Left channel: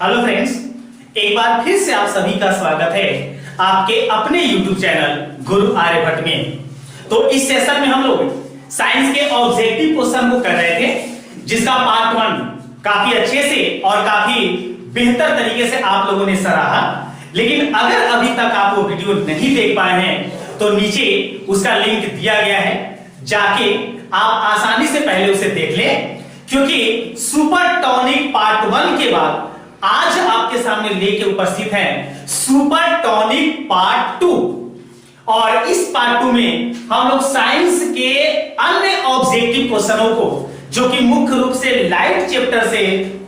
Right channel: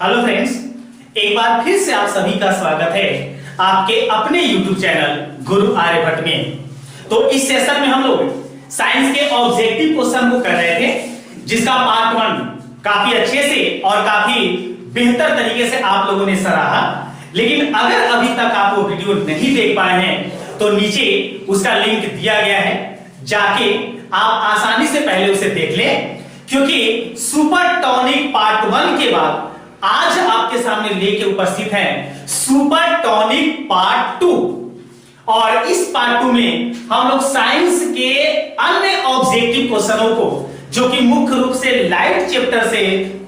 Hello friends, एक बार फिर से आप सभी का स्वागत है आपके अपने YouTube चैनल गुरु आर्यभट्ट में। तो इस सेशन में हम लोग साइंस के ऑब्जेक्टिव क्वेश्चन को कर रहे थे, जिसका पार्ट 1 काफी अच्छे से और काफी बेहतर तरीके से आप लोगों ने सराहा। लेकिन अगर अभी तक आप वो वीडियो नहीं देख पाए हैं तो नीचे उसका लिंक दिया गया है, जाके आप आसानी से पहले उसे देख लें, क्योंकि सुपर टॉनिक पार्ट 1 के बाद आज आपके सामने लेके उपस्थित है सुपर टॉनिक पार्ट 2। और इस पार्ट 2 में हम लोग साइंस के अन्य ऑब्जेक्टिव क्वेश्चनों को, जो कि मुख्य रूप से लाइट चैप्टर से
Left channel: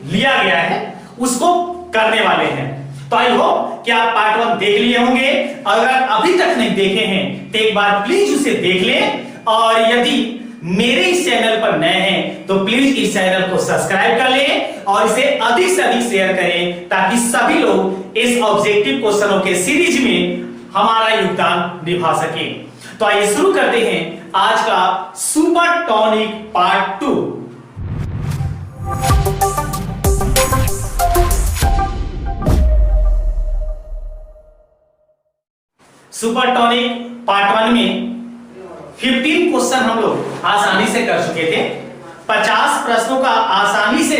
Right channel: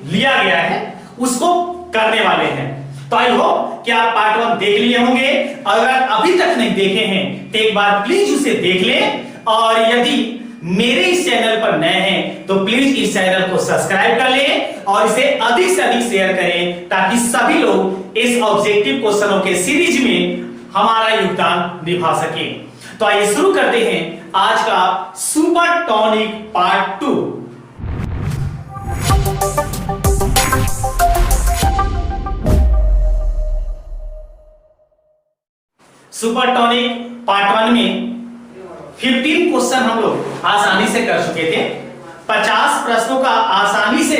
लिया गया है, उसको करने वाले हैं। तो आई होप कि आप पार्ट 1 देख लिए होंगे। अगर अभी तक नहीं देखे हैं तो एक बार प्लीज उसे देख लें, और यदि मेरे इस चैनल पर नए हैं तो प्लीज इस चैनल को सब्सक्राइब कर लें और इसे अधिक से अधिक शेयर करें, ताकि सभी लोग इस ऑब्जेक्टिव क्वेश्चनों के सीरीज में हमारा योगदान निभा सके। तो आइए शुरू करते हैं आज का super tonic part 2। Super tonic part 1 में 15 क्वेश्चन हम लोग आसानी से कर चुके थे। 50 प्रश्नों का आसानी से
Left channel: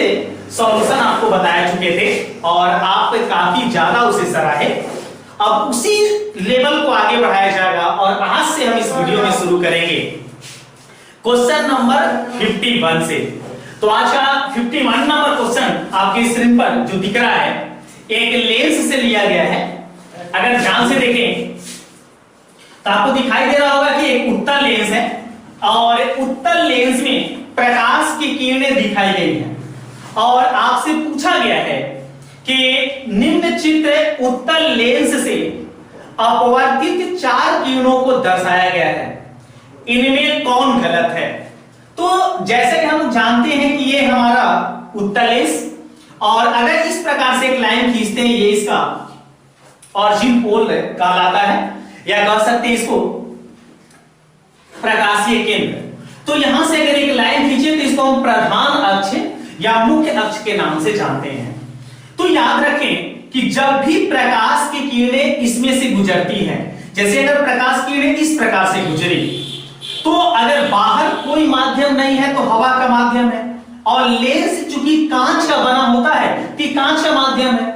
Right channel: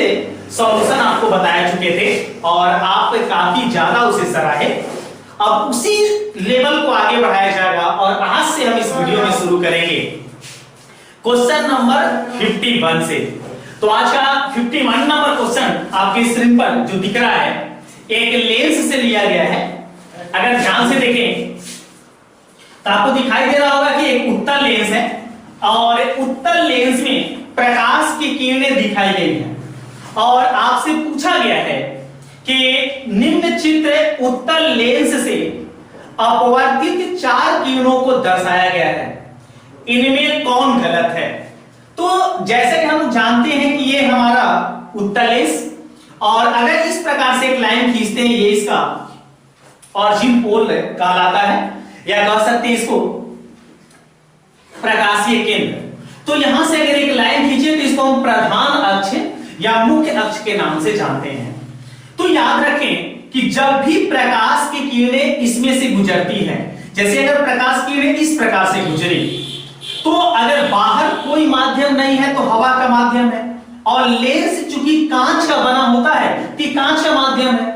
सॉल्यूशन आपको बता चुके थे और आप काफी ज्यादा उसे सराहे। अब उसी लेवल को आगे बढ़ाया जाएगा और आज से हम इस वीडियो में शुरू करेंगे क्वेश्चन नंबर 51 से। तो आज का 51 नंबर क्वेश्चन आपकी स्क्रीन पर जो दिख रहा है, एक लेंस से लिया गया है। अगर ध्यान से देखें तो आपको दिखाई दे रहा होगा कि एक उत्तल लेंस है और उत्तल लेंस में प्रकाश की किरणें दिखाई गई हैं और आपसे पूछा गया है कि निम्न चित्र उत्तल लेंस से अपवर्तित 4 किरणों को दर्शाया गया है, इनमें कौन गलत है। तो जैसे कि हम जानते हैं कि ये हमारा उत्तल लेंस, और अगर इस प्रकार से एक लाइन खींचते हैं, ये इसका ऑरिजिन पोल कहलाता है, या कह सकते हैं इसको प्रकाशीय केंद्र। तो यहां से अगर एक लाइन खींचे तो इसको हम प्रधान अक्ष या मुख्य अक्ष के नाम से जानते हैं। तो याद रखें कि जब भी प्रकाश की किरणें इसमें से गुजरती हैं, जैसे अगर प्रकाश की किरणें इस प्रकार से गुजरी, तो अगर बाहर कोई माध्यम नहीं है तो हवा का माध्यम है, और लेंस चूंकि कांच का बना होता है तो कांच का माध्यम है,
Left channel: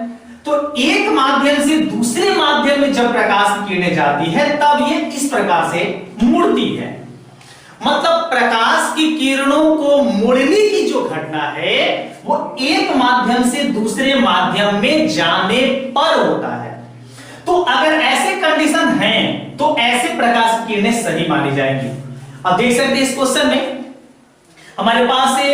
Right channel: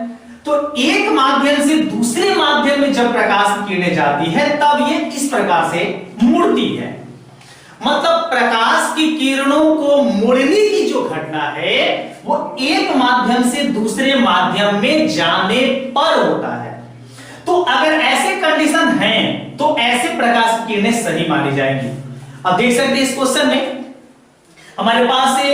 तो एक माध्यम से दूसरे माध्यम में जब प्रकाश की किरणें जाती है तब ये इस प्रकार से मुड़ती है। मतलब प्रकाश की किरणों को मुड़ने की जो घटना है वो एक माध्यम से दूसरे माध्यम में जाने पर होता है। तो अगर ऐसे कंडीशन हैं तो ऐसे प्रकाश की किरणें सही मानी जाएंगी। अब देख सकते हैं इस क्वेश्चन में हमारे पास से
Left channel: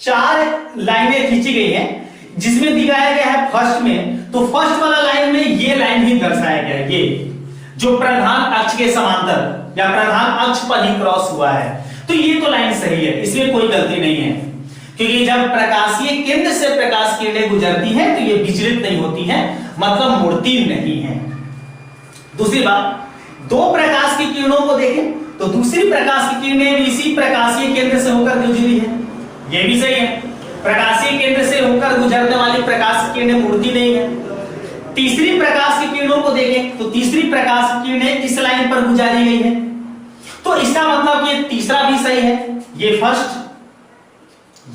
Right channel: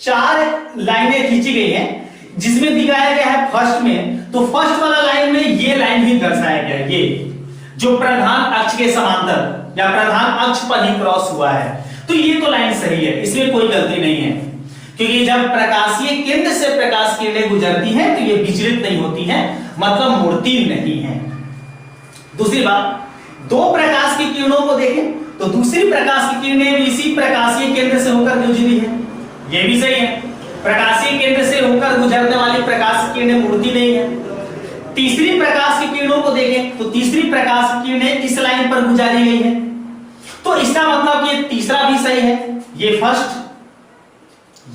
4 लाइनें खींची गई हैं, जिसमें दिखाया गया है फर्स्ट में, तो फर्स्ट वाला लाइन में ये लाइन ही दर्शाया गया है, ये जो प्रधान अक्ष के समांतर या प्रधान अक्ष पर ही क्रॉस हुआ है। तो ये तो लाइन सही है, इसमें कोई गलती नहीं है, क्योंकि जब प्रकाशीय केंद्र से प्रकाश किरणें गुजरती हैं तो ये विचलित नहीं होती हैं, मतलब मुड़ती नहीं है। दूसरी बात, 2 प्रकाश की किरणों को देखें तो दूसरी प्रकाश की किरणें भी इसी प्रकाशीय केंद्र से होकर गुजरी है, ये भी सही है। प्रकाशीय केंद्र से होकर गुजरने वाली प्रकाश की किरणें मुड़ती नहीं है। तीसरी प्रकाश की किरणों को देखें तो तीसरी प्रकाश की किरणें इस लाइन पर गुजारी गई है, तो इसका मतलब ये तीसरा भी सही है, ये फर्स्ट,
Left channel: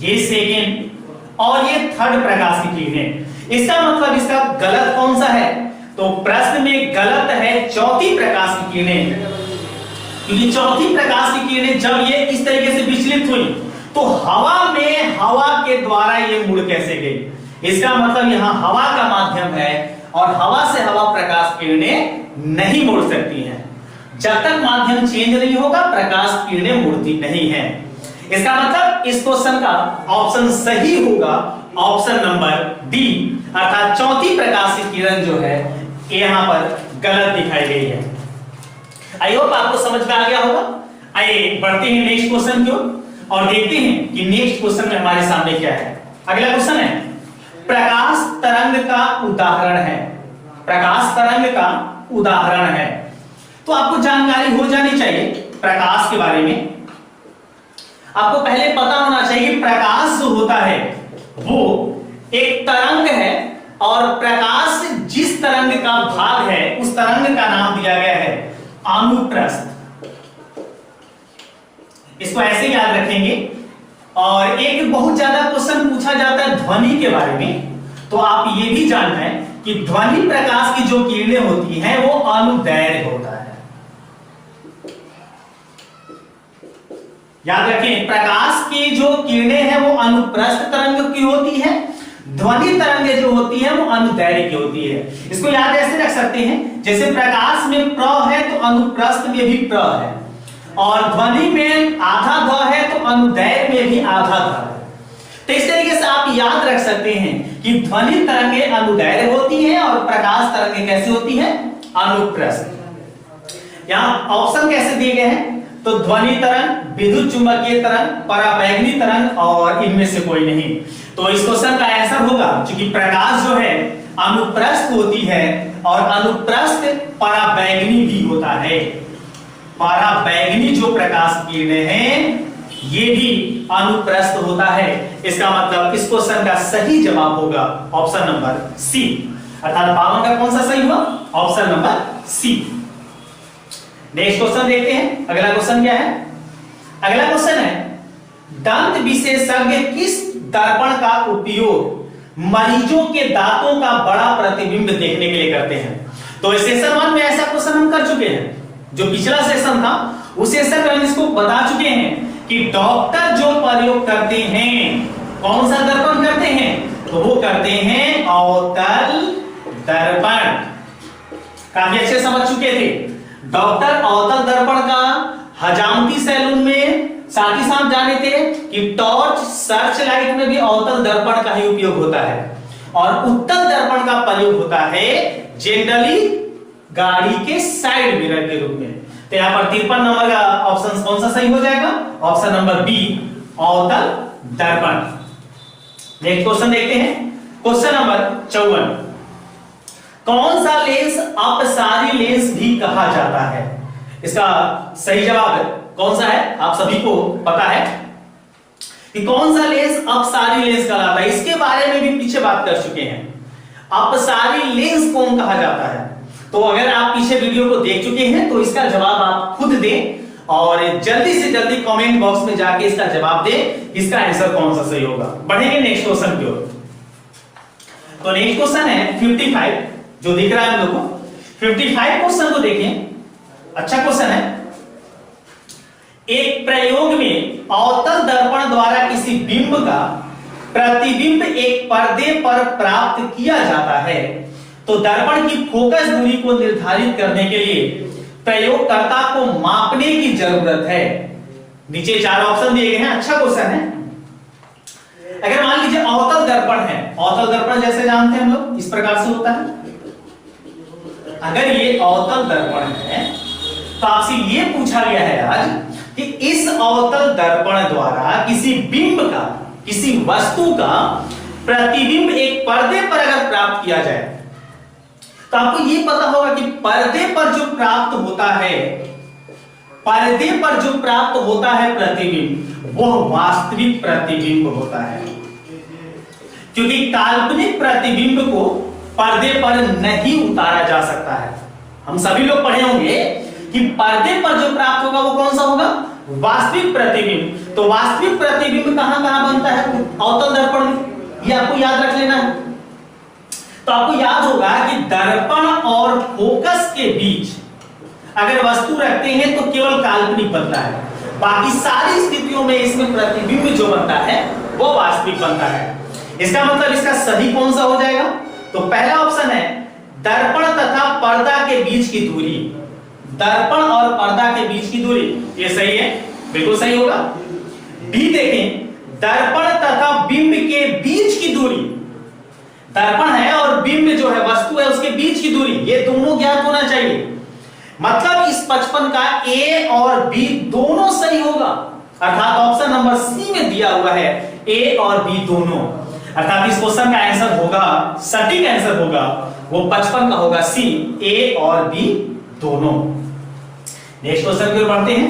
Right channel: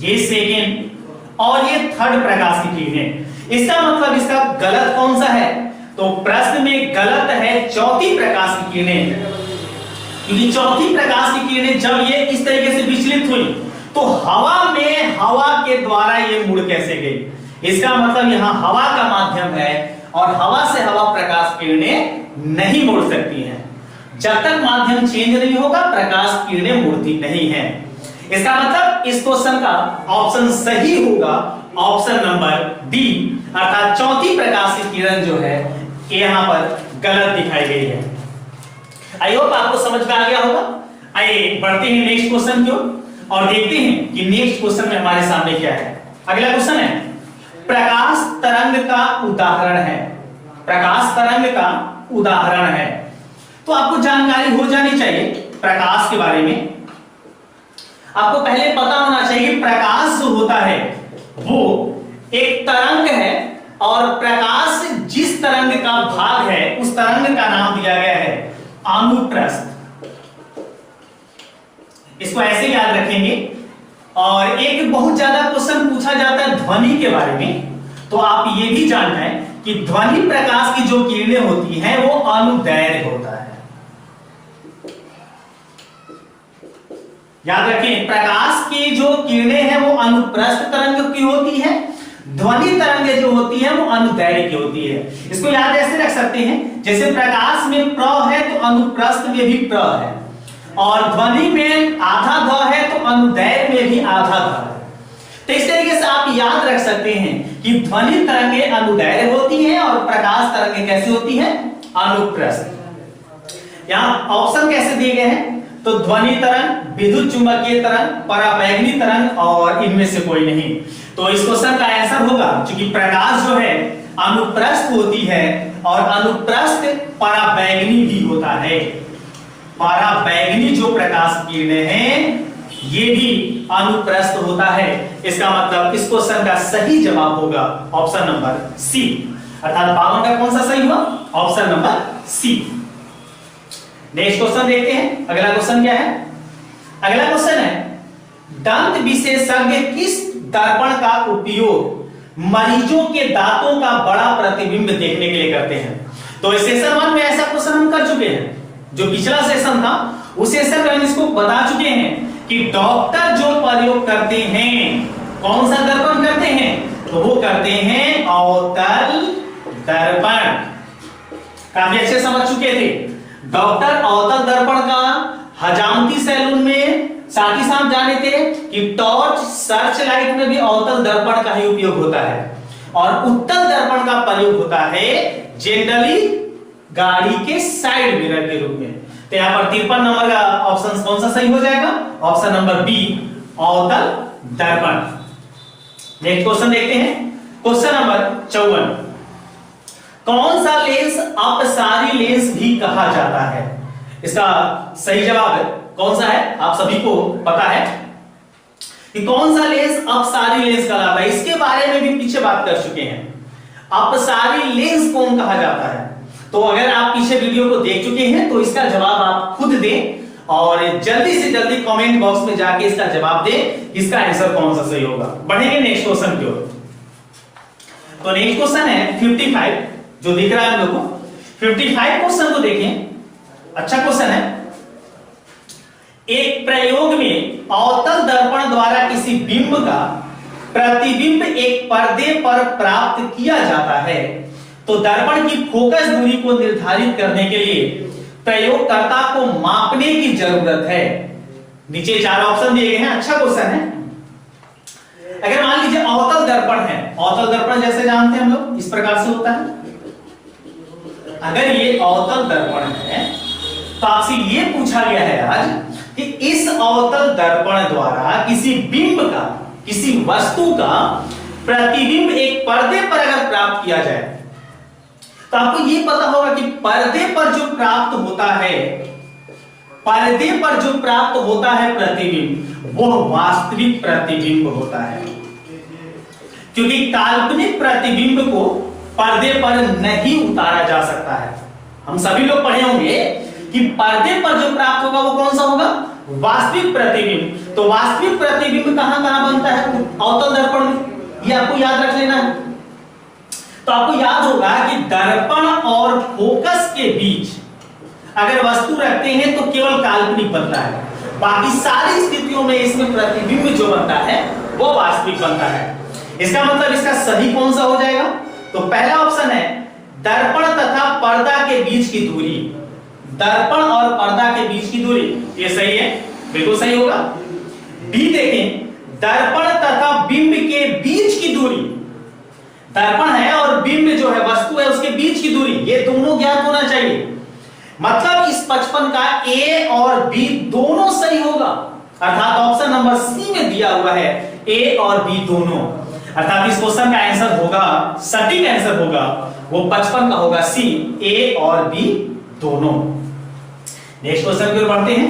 ये सेकेंड और ये थर्ड प्रकाश की किरणें। इसका मतलब इसका गलत कौन सा है, तो प्रश्न में गलत है चौथी प्रकाश की किरणें, क्योंकि चौथी प्रकाश की किरणें जब ये इस तरीके से विचलित हुई तो हवा में हवा के द्वारा ये मुड़ कैसे गई। इसका मतलब यहां हवा का माध्यम है और हवा से हवा प्रकाश किरणें नहीं मुड़ सकती हैं। जब तक माध्यम चेंज नहीं होगा प्रकाश किरणें मुड़ती नहीं है। इसका मतलब इस क्वेश्चन का ऑप्शन सही होगा ऑप्शन नंबर डी, अर्थात चौथी प्रकाश की किरण जो है यहां पर गलत दिखाई गई है। आई होप आपको समझ में आ गया होगा। आइए बढ़ते हैं नेक्स्ट क्वेश्चन की ओर और देखते हैं कि नेक्स्ट क्वेश्चन में हमारे सामने क्या है। अगला क्वेश्चन है प्रकाश तरंग का उदाहरण है। प्रकाश तरंग का उदाहरण है, तो आपको जानकारी हो जानी चाहिए प्रकाश के बारे में। आपको पहले पता होना चाहिए प्रकाश जो होता है वो एक तरंग है और प्रकाश जिस तरंग का भाग है उस तरंग का नाम दिया गया है अनुप्रस्थ। इसको ऐसे याद रखेंगे। और एक बहुत ज्यादा क्वेश्चन पूछा जाता है ध्वनि के बारे में, तो आप ये भी जानना है कि ध्वनि प्रकाश की जो किरणें होती हैं वो अनुदैर्घ्य होता है। याद रखें, प्रकाश की जो किरणें हैं वो अनुप्रस्थ तरंग की होती है, ध्वनि तरंगें जो होती हैं वो अनुदैर्घ्य की होती है। इसको याद ऐसे रख सकते हैं, जैसे प्रकाश में प्र है तो अनुप्रस्थ में भी प्र है, और ध्वनि में आधा ध है तो अनुदैर्घ्य में भी आधा ध है। तो इस तरीके से आप याद रख सकते हैं कि ध्वनि तरंगें अनुदैर्घ्य होती हैं और प्रकाश तरंगें कैसी होती हैं, अनुप्रस्थ। यहां ऑप्शन कैसे दिए गए हैं, तो ध्वनि तरंग, विद्युत चुंबकीय तरंग, पराबैंगनी तरंग और इनमें से कोई नहीं। तो इस क्वेश्चन का आंसर होगा, क्योंकि प्रकाश जो है अनुप्रस्थ होती है और अनुप्रस्थ पराबैंगनी भी होता है। पराबैंगनी जो प्रकाश किरणें हैं ये भी अनुप्रस्थ होता है। इसका मतलब इस क्वेश्चन का सही जवाब होगा ऑप्शन नंबर सी, अर्थात 52 का कौन सा सही हुआ, option number C. Next question देखते हैं। अगला क्वेश्चन क्या है, अगला क्वेश्चन है दंत विशेषज्ञ किस दर्पण का उपयोग मरीजों के दांतों का बड़ा प्रतिबिंब देखने के लिए करते हैं। तो सेशन 1 में ऐसा क्वेश्चन हम कर चुके हैं, जो पिछला सेशन था उस सेशन में हम इसको बता चुके हैं कि डॉक्टर जो प्रयोग करते हैं, कौन सा दर्पण करते हैं, तो वो करते हैं अवतल दर्पण। काफी अच्छे समझ चुके थे। डॉक्टर अवतल दर्पण का हजामती सैलून में साथ ही साथ जाने थे कि टॉर्च, सर्च लाइट में भी अवतल दर्पण का ही उपयोग होता है, और उत्तल दर्पण का प्रयोग होता है जनरली गाड़ी के साइड मिरर के रूप में। तो यहां पर 53 नंबर का ऑप्शन कौन सा सही हो जाएगा, ऑप्शन नंबर बी, अवतल दर्पण। नेक्स्ट क्वेश्चन देखते हैं, क्वेश्चन नंबर 54। कौन सा लेंस अपसारी लेंस भी कहा जाता है। इसका सही जवाब कौन सा है, आप सभी को पता है कि कौन सा लेंस अपसारी लेंस कहलाता है। इसके बारे में भी पीछे बात कर चुके हैं। अपसारी लेंस कौन कहा जाता है, तो अगर आप पीछे वीडियो को देख चुके हैं तो इसका जवाब आप खुद दें और जल्दी से जल्दी कमेंट बॉक्स में जाके इसका जवाब दें, इसका आंसर कौन सा सही होगा। बढ़ेंगे नेक्स्ट क्वेश्चन की ओर। तो नेक्स्ट क्वेश्चन है 55, जो दिख रहा है हम लोग को। 55 क्वेश्चन को देखें, अच्छा क्वेश्चन है। एक प्रयोग में अवतल दर्पण द्वारा किसी बिंब का प्रतिबिंब एक पर्दे पर प्राप्त किया जाता है, तो दर्पण की फोकस दूरी को निर्धारित करने के लिए प्रयोगकर्ता को मापने की जरूरत है। नीचे 4 ऑप्शन दिए गए हैं। अच्छा क्वेश्चन है। अगर मान लीजिए अवतल दर्पण है, अवतल दर्पण जैसे जानते हैं हम लोग इस प्रकार से होता है। अगर ये अवतल दर्पण है तो आपसे ये पूछा गया है आज कि इस अवतल दर्पण द्वारा किसी बिंब का, किसी वस्तु का प्रतिबिंब एक पर्दे पर अगर प्राप्त किया जाए, तो आपको यह पता होगा कि पर्दे पर जो प्राप्त होता है, पर्दे पर जो प्राप्त होता है प्रतिबिंब, वह वास्तविक प्रतिबिंब होता है। क्योंकि काल्पनिक प्रतिबिंब को पर्दे पर नहीं उतारा जा सकता है। हम सभी लोग पढ़े होंगे कि पर्दे पर जो प्राप्त होगा वो कौन सा होगा, वास्तविक प्रतिबिंब। तो वास्तविक प्रतिबिंब कहां कहां बनता है, अवतल दर्पण में। ये आपको याद रख लेना है। तो आपको याद होगा कि दर्पण और फोकस के बीच अगर वस्तु रखते हैं तो केवल काल्पनिक बनता है, बाकी सारी स्थितियों में इसमें प्रतिबिंब जो बनता है वो वास्तविक बनता है। इसका मतलब इसका सही कौन सा हो जाएगा, तो पहला ऑप्शन है दर्पण तथा पर्दा के बीच की दूरी। दर्पण और पर्दा के बीच की दूरी, ये सही है, बिल्कुल सही होगा। बी देखें, दर्पण तथा बिंब के बीच की दूरी। दर्पण है और बिंब जो है वस्तु है उसके बीच की दूरी, ये दोनों ज्ञात होना चाहिए। मतलब इस 55 का ए और बी दोनों सही होगा, अर्थात ऑप्शन नंबर सी में दिया हुआ है ए और बी दोनों। अर्थात इस क्वेश्चन का आंसर होगा, सटीक आंसर होगा वो 55 का होगा सी, ए और बी दोनों। नेक्स्ट क्वेश्चन की ओर बढ़ते हैं।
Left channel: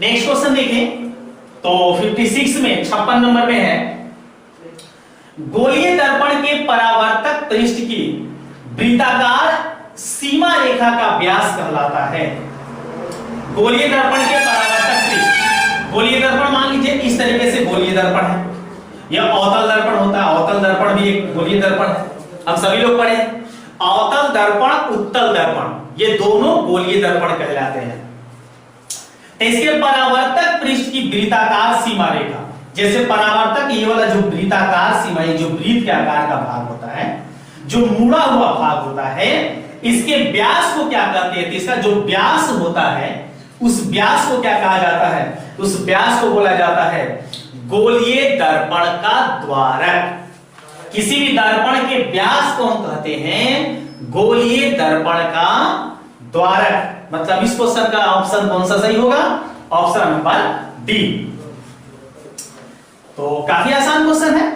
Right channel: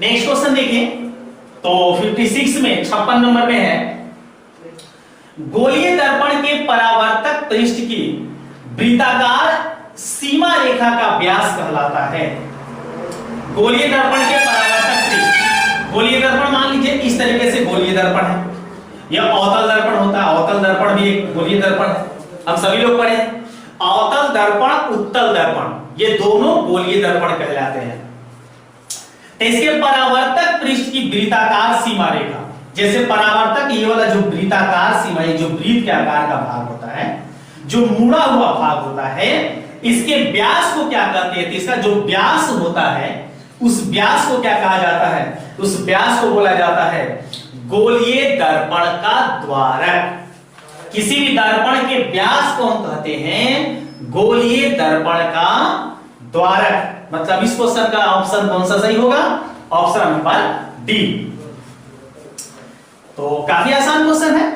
नेक्स्ट क्वेश्चन देखें तो 56 में 56 नंबर में है, गोलीय दर्पण के परावर्तक पृष्ठ की वृत्ताकार सीमा रेखा का व्यास कहलाता है। गोलीय दर्पण के परावर्तक पृष्ठ, गोलीय दर्पण मान लीजिए इस तरीके से गोलीय दर्पण है, यह अवतल दर्पण होता है, अवतल दर्पण भी एक गोलीय दर्पण है, हम सभी लोग पढ़े। अवतल दर्पण, उत्तल दर्पण, ये दोनों गोलीय दर्पण कहलाते हैं। इसके परावर्तक पृष्ठ की वृत्ताकार सीमा रेखा, जैसे परावर्तक ये वाला जो वृत्ताकार सीमा, ये जो वृत्त के आकार का भाग होता है, जो मुड़ा हुआ भाग होता है, इसके व्यास को क्या कहते हैं? इसका जो व्यास होता है उस व्यास को क्या कहा जाता है? उस व्यास को बोला जाता है गोलीय दर्पण का द्वारक। किसी भी दर्पण के व्यास को हम कहते हैं गोलीय दर्पण का द्वारक। मतलब इस क्वेश्चन का ऑप्शन कौन सा सही होगा? Option number D. तो काफी आसान क्वेश्चन है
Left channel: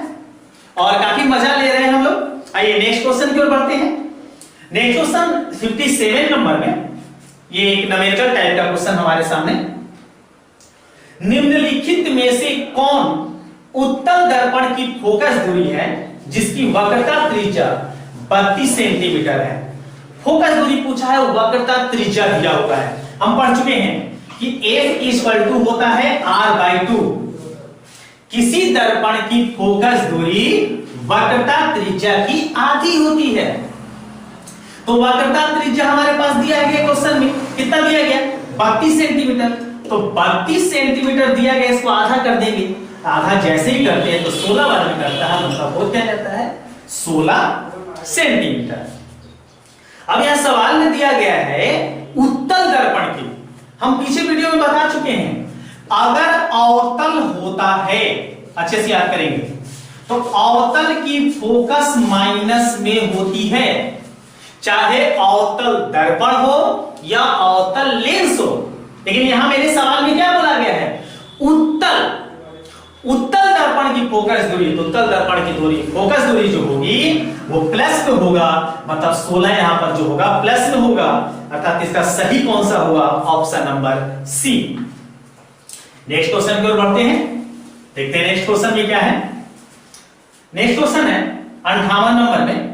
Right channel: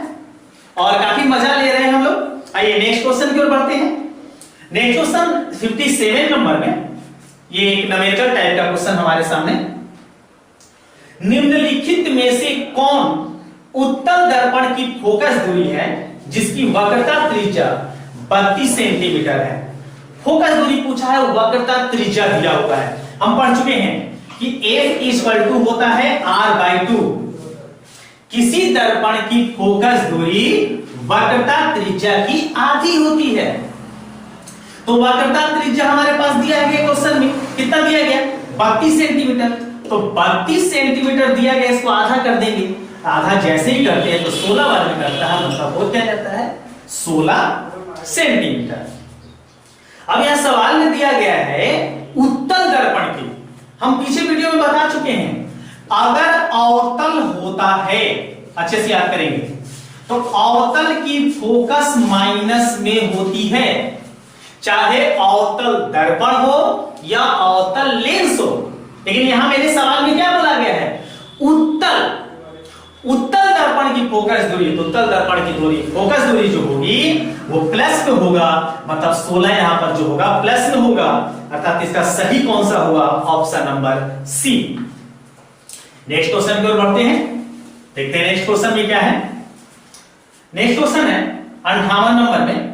और काफी मजा ले रहे हैं हम लोग। आइए नेक्स्ट क्वेश्चन की ओर बढ़ते हैं। नेक्स्ट क्वेश्चन 57 नंबर में, ये एक न्यूमेरिकल टाइप का क्वेश्चन हमारे सामने। निम्नलिखित में से कौन उत्तल दर्पण की फोकस दूरी है जिसकी वक्रता त्रिज्या 32 सेंटीमीटर है? फोकस दूरी पूछा है, वक्रता त्रिज्या दिया हुआ है। हम पढ़ चुके हैं कि F होता है R/2। किसी दर्पण की फोकस दूरी वक्रता त्रिज्या की आधी होती है। तो वक्रता त्रिज्या हमारे पास दिया गया क्वेश्चन में, कितना दिया गया? 32 सेंटीमीटर। तो 32 सेंटीमीटर दिया गया, इसको आधा कर देंगे। आधा जैसे ही करते हैं तो 16 बार में करता है, मतलब वो क्या जाता है? 16 सेंटीमीटर। अब यहां सवाल में दिया गया है उत्तल दर्पण की। हम पीछे वीडियो में बता चुके हैं, अगर अवतल होता है, अच्छे से याद करेंगे, तो अवतल की फोकस माइनस में होती है, चाहे अवतल दर्पण हो या अवतल लेंस हो। लेकिन यहां मेरे सवाल में क्या बोला गया है? उत्तल दर्पण की फोकस दूरी, तो उत्तल दर्पण की दूरी, फोकस दूरी जो होगी वो प्लस में होगा, मतलब 16 यहां पर जो होगा प्लस में होगा, अर्थात इसका सही कौन सा होगा? Option number C. Next question की ओर बढ़ते हैं, देखते हैं नेक्स्ट क्वेश्चन में क्या है। नेक्स्ट क्वेश्चन है 58 नंबर में,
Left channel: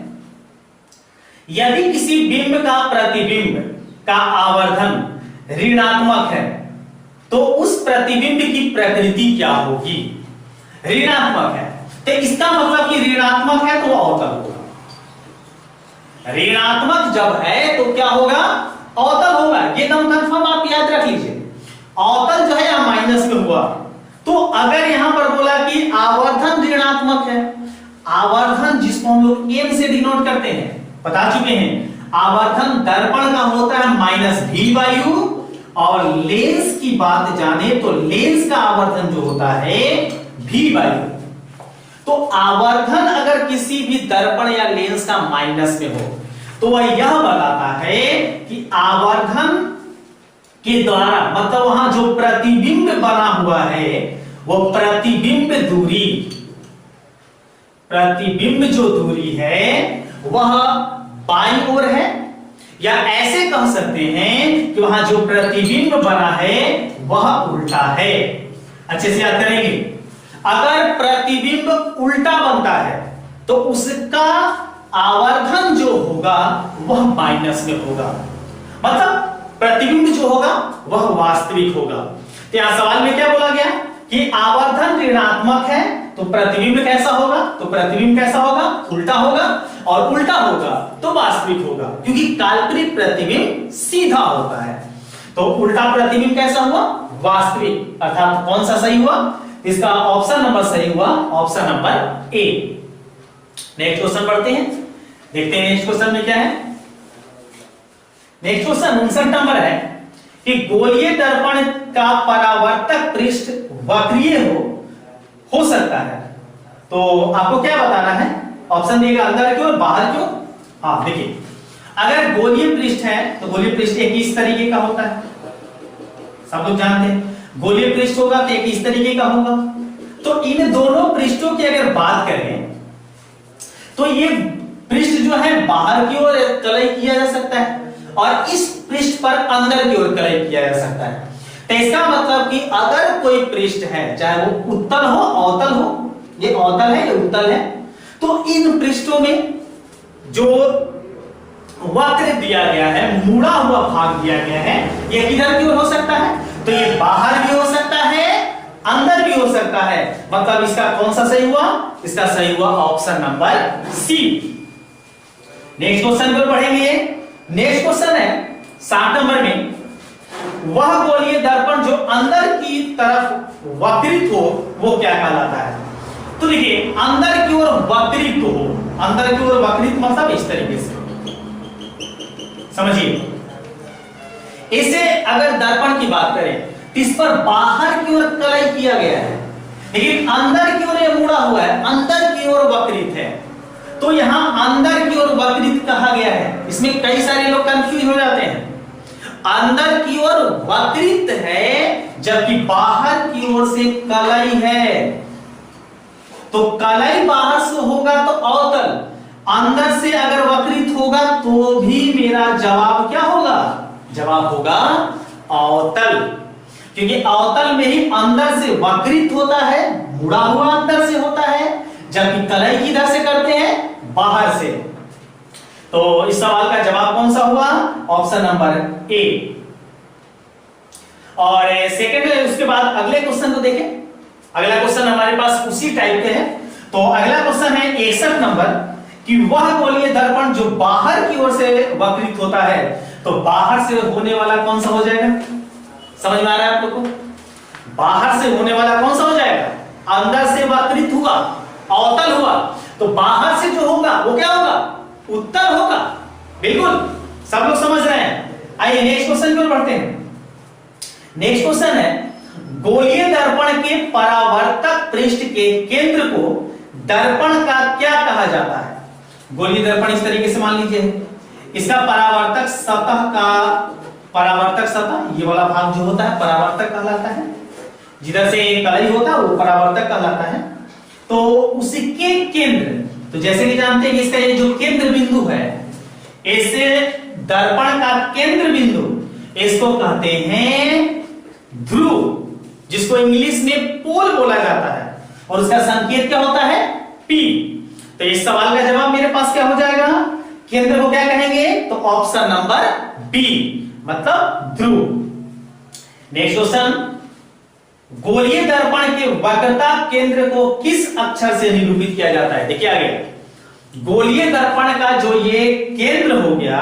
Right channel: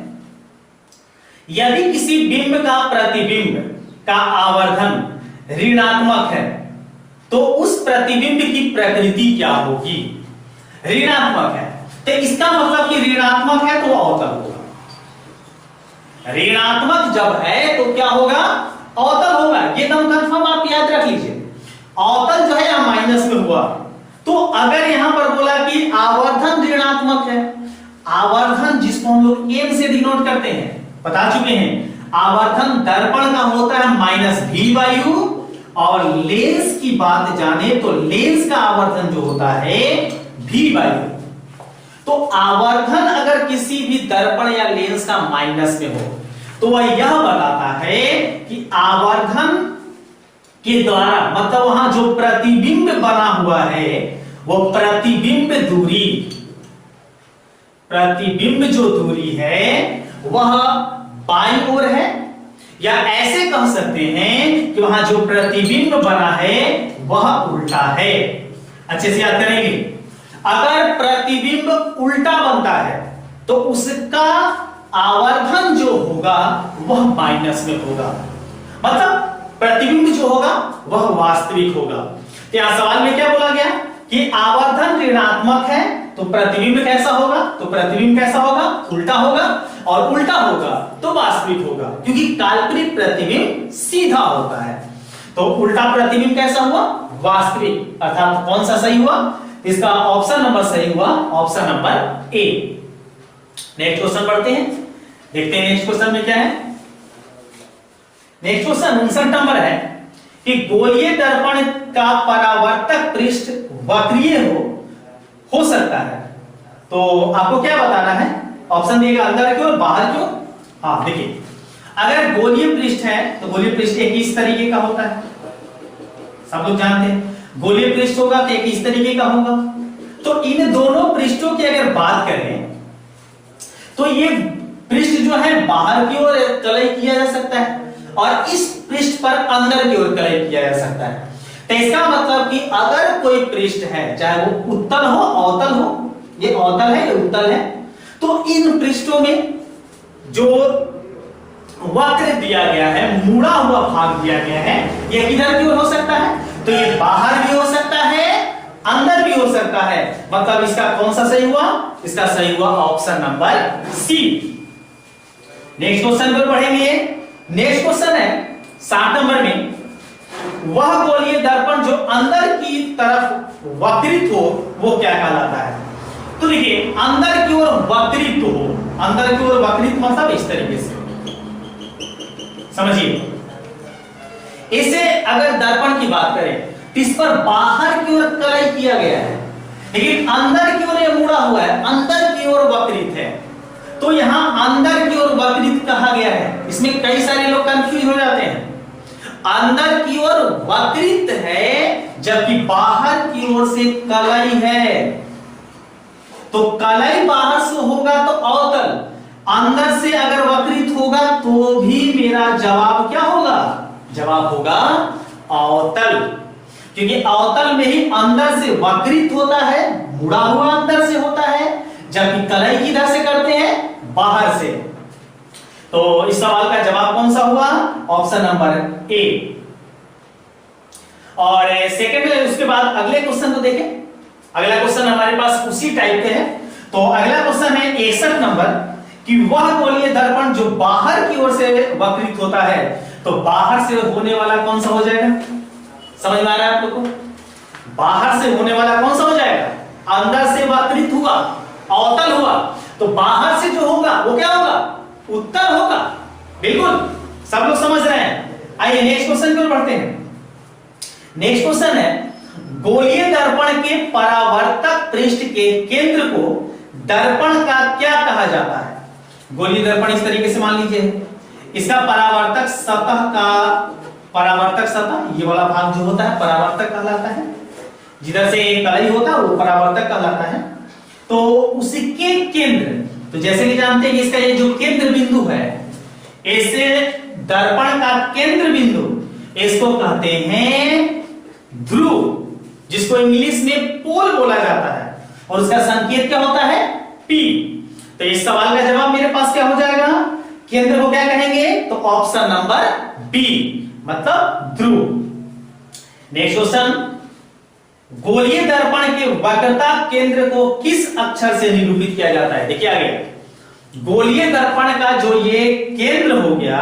यदि किसी बिंब का प्रतिबिंब का आवर्धन ऋणात्मक है तो उस प्रतिबिंब की प्रकृति क्या होगी? ऋणात्मक है तो इसका मतलब कि ऋणात्मक है तो अवतल होगा। ऋणात्मक जब है तो क्या होगा? अवतल होगा। ये एकदम कंफर्म आप याद रख लीजिए। अवतल जो है यहां माइनस में हुआ, तो अगर यहां पर बोला कि आवर्धन ऋणात्मक है, आवर्धन जिसको हम लोग एम से डिनोट करते हैं, बता चुके हैं, आवर्धन दर्पण का होता है -v/u, और लेंस की बात जाने तो लेंस का आवर्धन जो होता है v/u। तो आवर्धन अगर किसी भी दर्पण या लेंस का माइनस में हो तो वह यह बताता है कि आवर्धन के द्वारा, मतलब वहां जो प्रतिबिंब बना हुआ है वो प्रतिबिंब दूरी, प्रतिबिंब जो दूरी है वह बाईं ओर है, या ऐसे कह सकते हैं कि वहां जो प्रतिबिंब बना है वह उल्टा है। अच्छे से याद करेंगे, अगर प्रतिबिंब उल्टा बनता है तो उसका आवर्धन जो होगा वह माइनस में होगा, मतलब प्रतिबिंब जो होगा वह वास्तविक होगा। तो यहां सवाल में क्या बोला गया कि आवर्धन ऋणात्मक है तो प्रतिबिंब कैसा होगा? तो प्रतिबिंब कैसा होगा? उल्टा होगा, और उल्टा होगा तो वास्तविक होगा, क्योंकि काल्पनिक प्रतिबिंब सीधा होता है। तो उल्टा प्रतिबिंब कैसा हुआ? वास्तविक। अर्थात कौन सा सही हुआ? इसका ऑप्शन नंबर सही हुआ, option number A. Next question पढ़ते हैं, देखते हैं नेक्स्ट क्वेश्चन में क्या है। नेक्स्ट क्वेश्चन 59 नंबर है कि गोलीय दर्पण का परावर्तक पृष्ठ वक्रीय हो सकता है, तो आपको क्या बताना है? ऑप्शन दिएगा अंदर की ओर, बाहर की ओर। हाँ देखिए, अगर गोलीय पृष्ठ है तो गोलीय पृष्ठ एक इस तरीके का होता है, सब लोग जानते हैं। गोलीय पृष्ठ होगा तो एक इस तरीके का होगा। तो इन दोनों पृष्ठों की अगर बात करें तो ये पृष्ठ जो है बाहर की ओर कलई किया जा सकता है, और इस पृष्ठ पर अंदर की ओर कलई किया जा सकता है। तो इसका मतलब कि अगर कोई पृष्ठ है, चाहे वो उत्तल हो अवतल हो, ये अवतल है ये उत्तल है, तो इन पृष्ठों में जो वक्र दिया गया है, मुड़ा हुआ भाग दिया गया है, यह किधर की ओर हो सकता है? तो ये बाहर भी हो सकता है, अंदर भी हो सकता है। मतलब इसका कौन सा सही हुआ? इसका सही हुआ option number C. Next question को पढ़ेंगे। नेक्स्ट क्वेश्चन है 7 नंबर में, वह गोलीय दर्पण जो अंदर की तरफ वक्रित हो वो क्या कहलाता है? तो देखिए, अंदर की ओर वक्रित हो, अंदर की ओर वक्रित मतलब इस तरीके से समझिए। इसे अगर दर्पण की बात करें तो इस पर बाहर की ओर कलई किया गया है, लेकिन अंदर की ओर ये मुड़ा हुआ है, अंदर की ओर वक्रित है। तो यहां अंदर की ओर वक्रित कहा गया है। इसमें कई सारे लोग कंफ्यूज हो जाते हैं। अंदर की ओर वक्रित है जबकि बाहर की ओर से कलई है। तो कलई बाहर से होगा तो अवतल, अंदर से अगर वक्रित होगा तो भी मेरा जवाब क्या होगा? जवाब होगा अवतल, क्योंकि अवतल में ही अंदर से वक्रित होता है, मुड़ा हुआ अंदर से होता है, जबकि कलई किधर से करते हैं? बाहर से। तो इस सवाल का जवाब कौन सा हुआ? Option number A. और सेकंड, उसके बाद अगले क्वेश्चन को देखें। अगला क्वेश्चन हमारे पास उसी टाइप के है। तो अगला क्वेश्चन है 61 नंबर, कि वह गोलीय दर्पण जो बाहर की ओर से वक्रित होता है, तो बाहर से होने वाला कौन सा हो जाएगा? समझ में आ रहा है आप लोग को? बाहर से होने वाला कौन सा हो जाएगा? अंदर से वक्रित हुआ, अवतल हुआ, तो बाहर से जो होगा वो क्या होगा? उत्तल होगा। बिल्कुल, सब लोग समझ रहे हैं। आइए नेक्स्ट क्वेश्चन की ओर बढ़ते हैं। नेक्स्ट क्वेश्चन है, गोलीय दर्पण के परावर्तक पृष्ठ के केंद्र को दर्पण का क्या कहा जाता है? गोलीय दर्पण इस तरीके से मान लीजिए, इसका परावर्तक सतह का, परावर्तक सतह ये वाला भाग जो होता है परावर्तक कहलाता है। जिधर से कलई होता है वो परावर्तक कहलाता है। तो उसके केंद्र, तो जैसे कि जानते हैं कि इसका ये जो केंद्र बिंदु है, ऐसे दर्पण का केंद्र बिंदु, इसको कहते हैं ध्रुव, जिसको इंग्लिश में पोल बोला जाता है, और उसका संकेत क्या होता है? P। तो इस सवाल का जवाब मेरे पास क्या हो जाएगा? केंद्र को क्या कहेंगे? तो ऑप्शन नंबर बी, मतलब ध्रुव। नेक्स्ट क्वेश्चन, गोलीय दर्पण के वक्रता केंद्र को किस अक्षर से निरूपित किया जाता है? देखिए आगे, गोलीय दर्पण का जो ये केंद्र हो गया,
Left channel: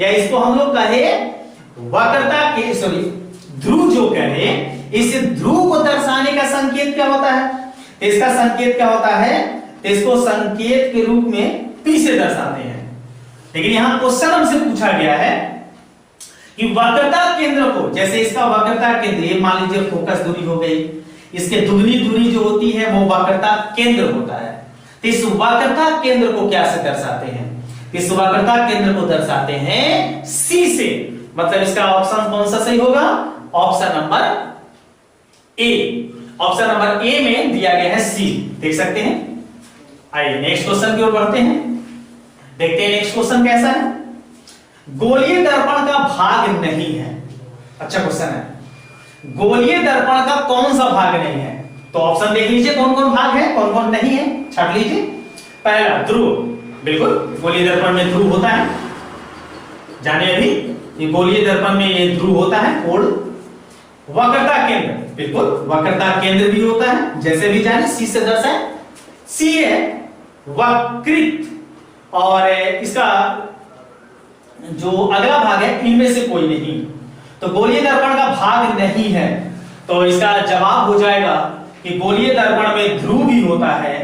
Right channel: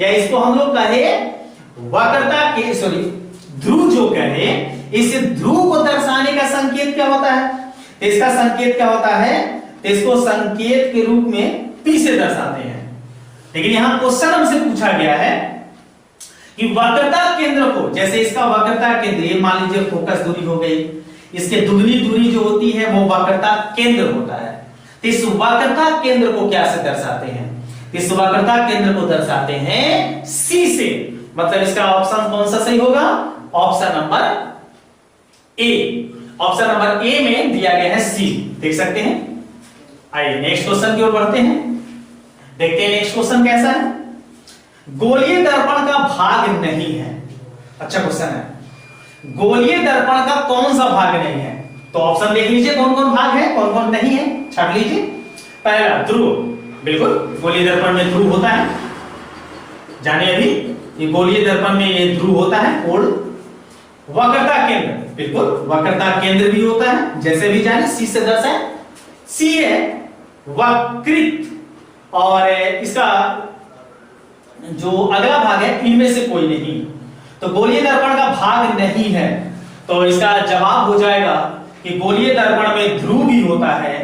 या इसको हम लोग कहे वक्रता के, सॉरी ध्रुव जो कहे, इस ध्रुव को दर्शाने का संकेत क्या होता है? तो इसका संकेत क्या होता है? तो इसको संकेत के रूप में P से दर्शाते हैं। लेकिन यहां क्वेश्चन हमसे पूछा गया है कि वक्रता केंद्र को, जैसे इसका वक्रता केंद्र, ये मान लीजिए फोकस दूरी हो गई, इसके दुगनी दूरी जो होती है वो वक्रता केंद्र होता है। तो इस वक्रता केंद्र को क्या से दर्शाते हैं? इस वक्रता केंद्र को दर्शाते हैं C से। मतलब इसका ऑप्शन कौन सा सही होगा? Option number A. Option number A में दिया गया है C, देख सकते हैं। आइए नेक्स्ट क्वेश्चन की ओर बढ़ते हैं, देखते हैं नेक्स्ट क्वेश्चन कैसा है। गोलीय दर्पण का भाग नहीं है। अच्छा क्वेश्चन है, गोलीय दर्पण का कौन सा भाग नहीं है? तो ऑप्शन देख लीजिए कौन कौन भाग है, कौन कौन नहीं है, छाट लीजिए। पहला ध्रुव, बिल्कुल गोलीय दर्पण में ध्रुव होता है, जाने अभी ये गोलीय दर्पण में ये ध्रुव होता है। और वक्रता केंद्र, बिल्कुल वक्रता केंद्र भी होता है, जैसे भी जाने C से दर्शाए। C है वक्रित, और इसका जो अगला भाग है इनमें से कोई नहीं, तो गोलीय दर्पण का भाग नहीं है। तो इसका जवाब हो जाएगा कि गोलीय दर्पण में ध्रुव भी होता है,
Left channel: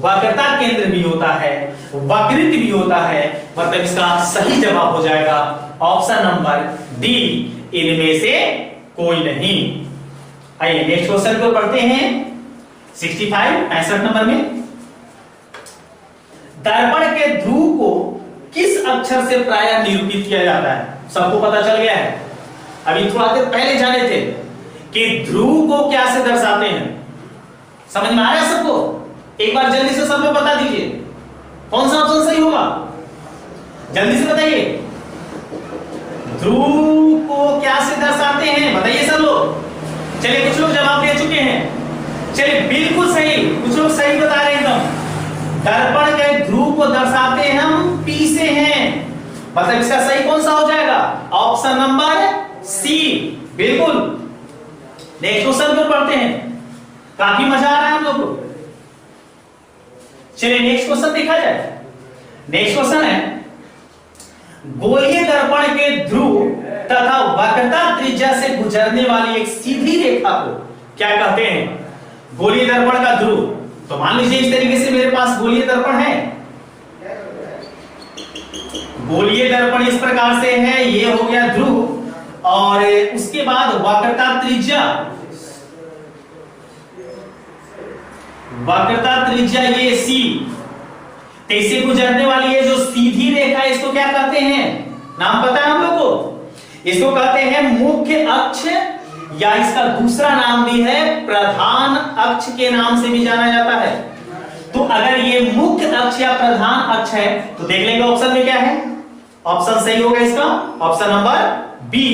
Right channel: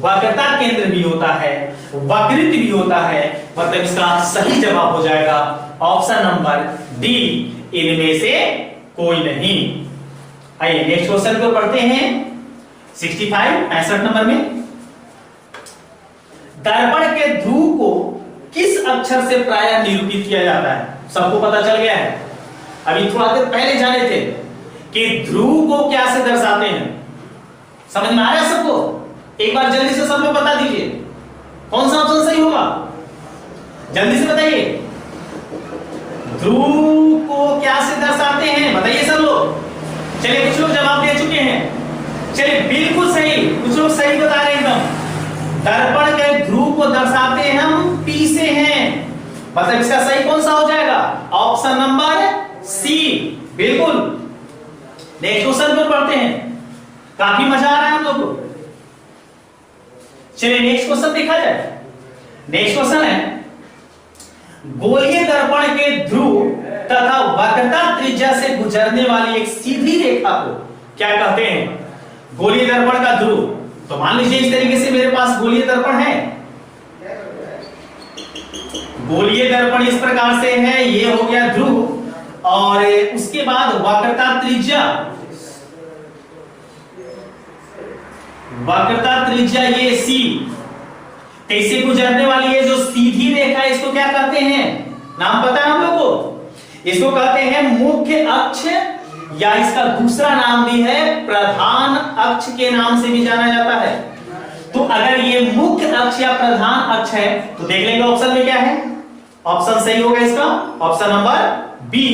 वक्रता केंद्र भी होता है, वक्रित भी होता है। मतलब इसका सही जवाब हो जाएगा ऑप्शन नंबर डी, इनमें से कोई नहीं। आइए नेक्स्ट क्वेश्चन को पढ़ते हैं 65 नंबर में। दर्पण के ध्रुव को किस अक्षर से प्रायः निरूपित किया जाता है? सबको पता चल गया है। अभी थोड़ा देर पहले जाने थे कि ध्रुव को क्या से दर्शाते हैं, समझ में आ रहा है सबको? एक बार जल्दी से सब लोग बता दीजिए कौन सा ऑप्शन सही होगा, जल्दी से बताइए। ध्रुव को क्या से दर्शाते हैं, बताइए सब लोग। चलिए कुछ लोग जवाब दे चुके हैं, चलिए बिल्कुल सही, कुछ लोग सही बता रहे हैं एकदम। दर्पण के ध्रुव को दर्शाते हैं हम P से हैं, मतलब इसका सही कौन सा हो जाएगा? Option number C. बिल्कुल। नेक्स्ट क्वेश्चन पर पढ़ते हैं, काफी मजा आ रहा है हम लोग को। चलिए नेक्स्ट क्वेश्चन देखा जाए। नेक्स्ट क्वेश्चन है, गोलीय दर्पण के ध्रुव तथा वक्रता त्रिज्या से गुजरने वाली एक सीधी रेखा को क्या कहते हैं? गोलीय दर्पण का ध्रुव, तो मान लीजिए इस तरीके से मेरे पास गोलीय दर्पण है, गोलीय दर्पण इस प्रकार से है, ये हो गया ध्रुव, और उसके बाद वक्रता त्रिज्या ये सी, इससे गुजरने वाली ये जो सीधी रेखा है इसको क्या कहते हैं? नाम पता है हम लोग को? इसको कहते हैं मुख्य अक्ष, या इसका दूसरा नाम भी है प्रधान अक्ष के नाम से भी जाना जाता है। तो अगर ये मुख्य अक्ष या प्रधान अक्ष है तो देख लेंगे ऑप्शन में क्या है। ऑप्शन सही होगा इसका ऑप्शन नंबर बी,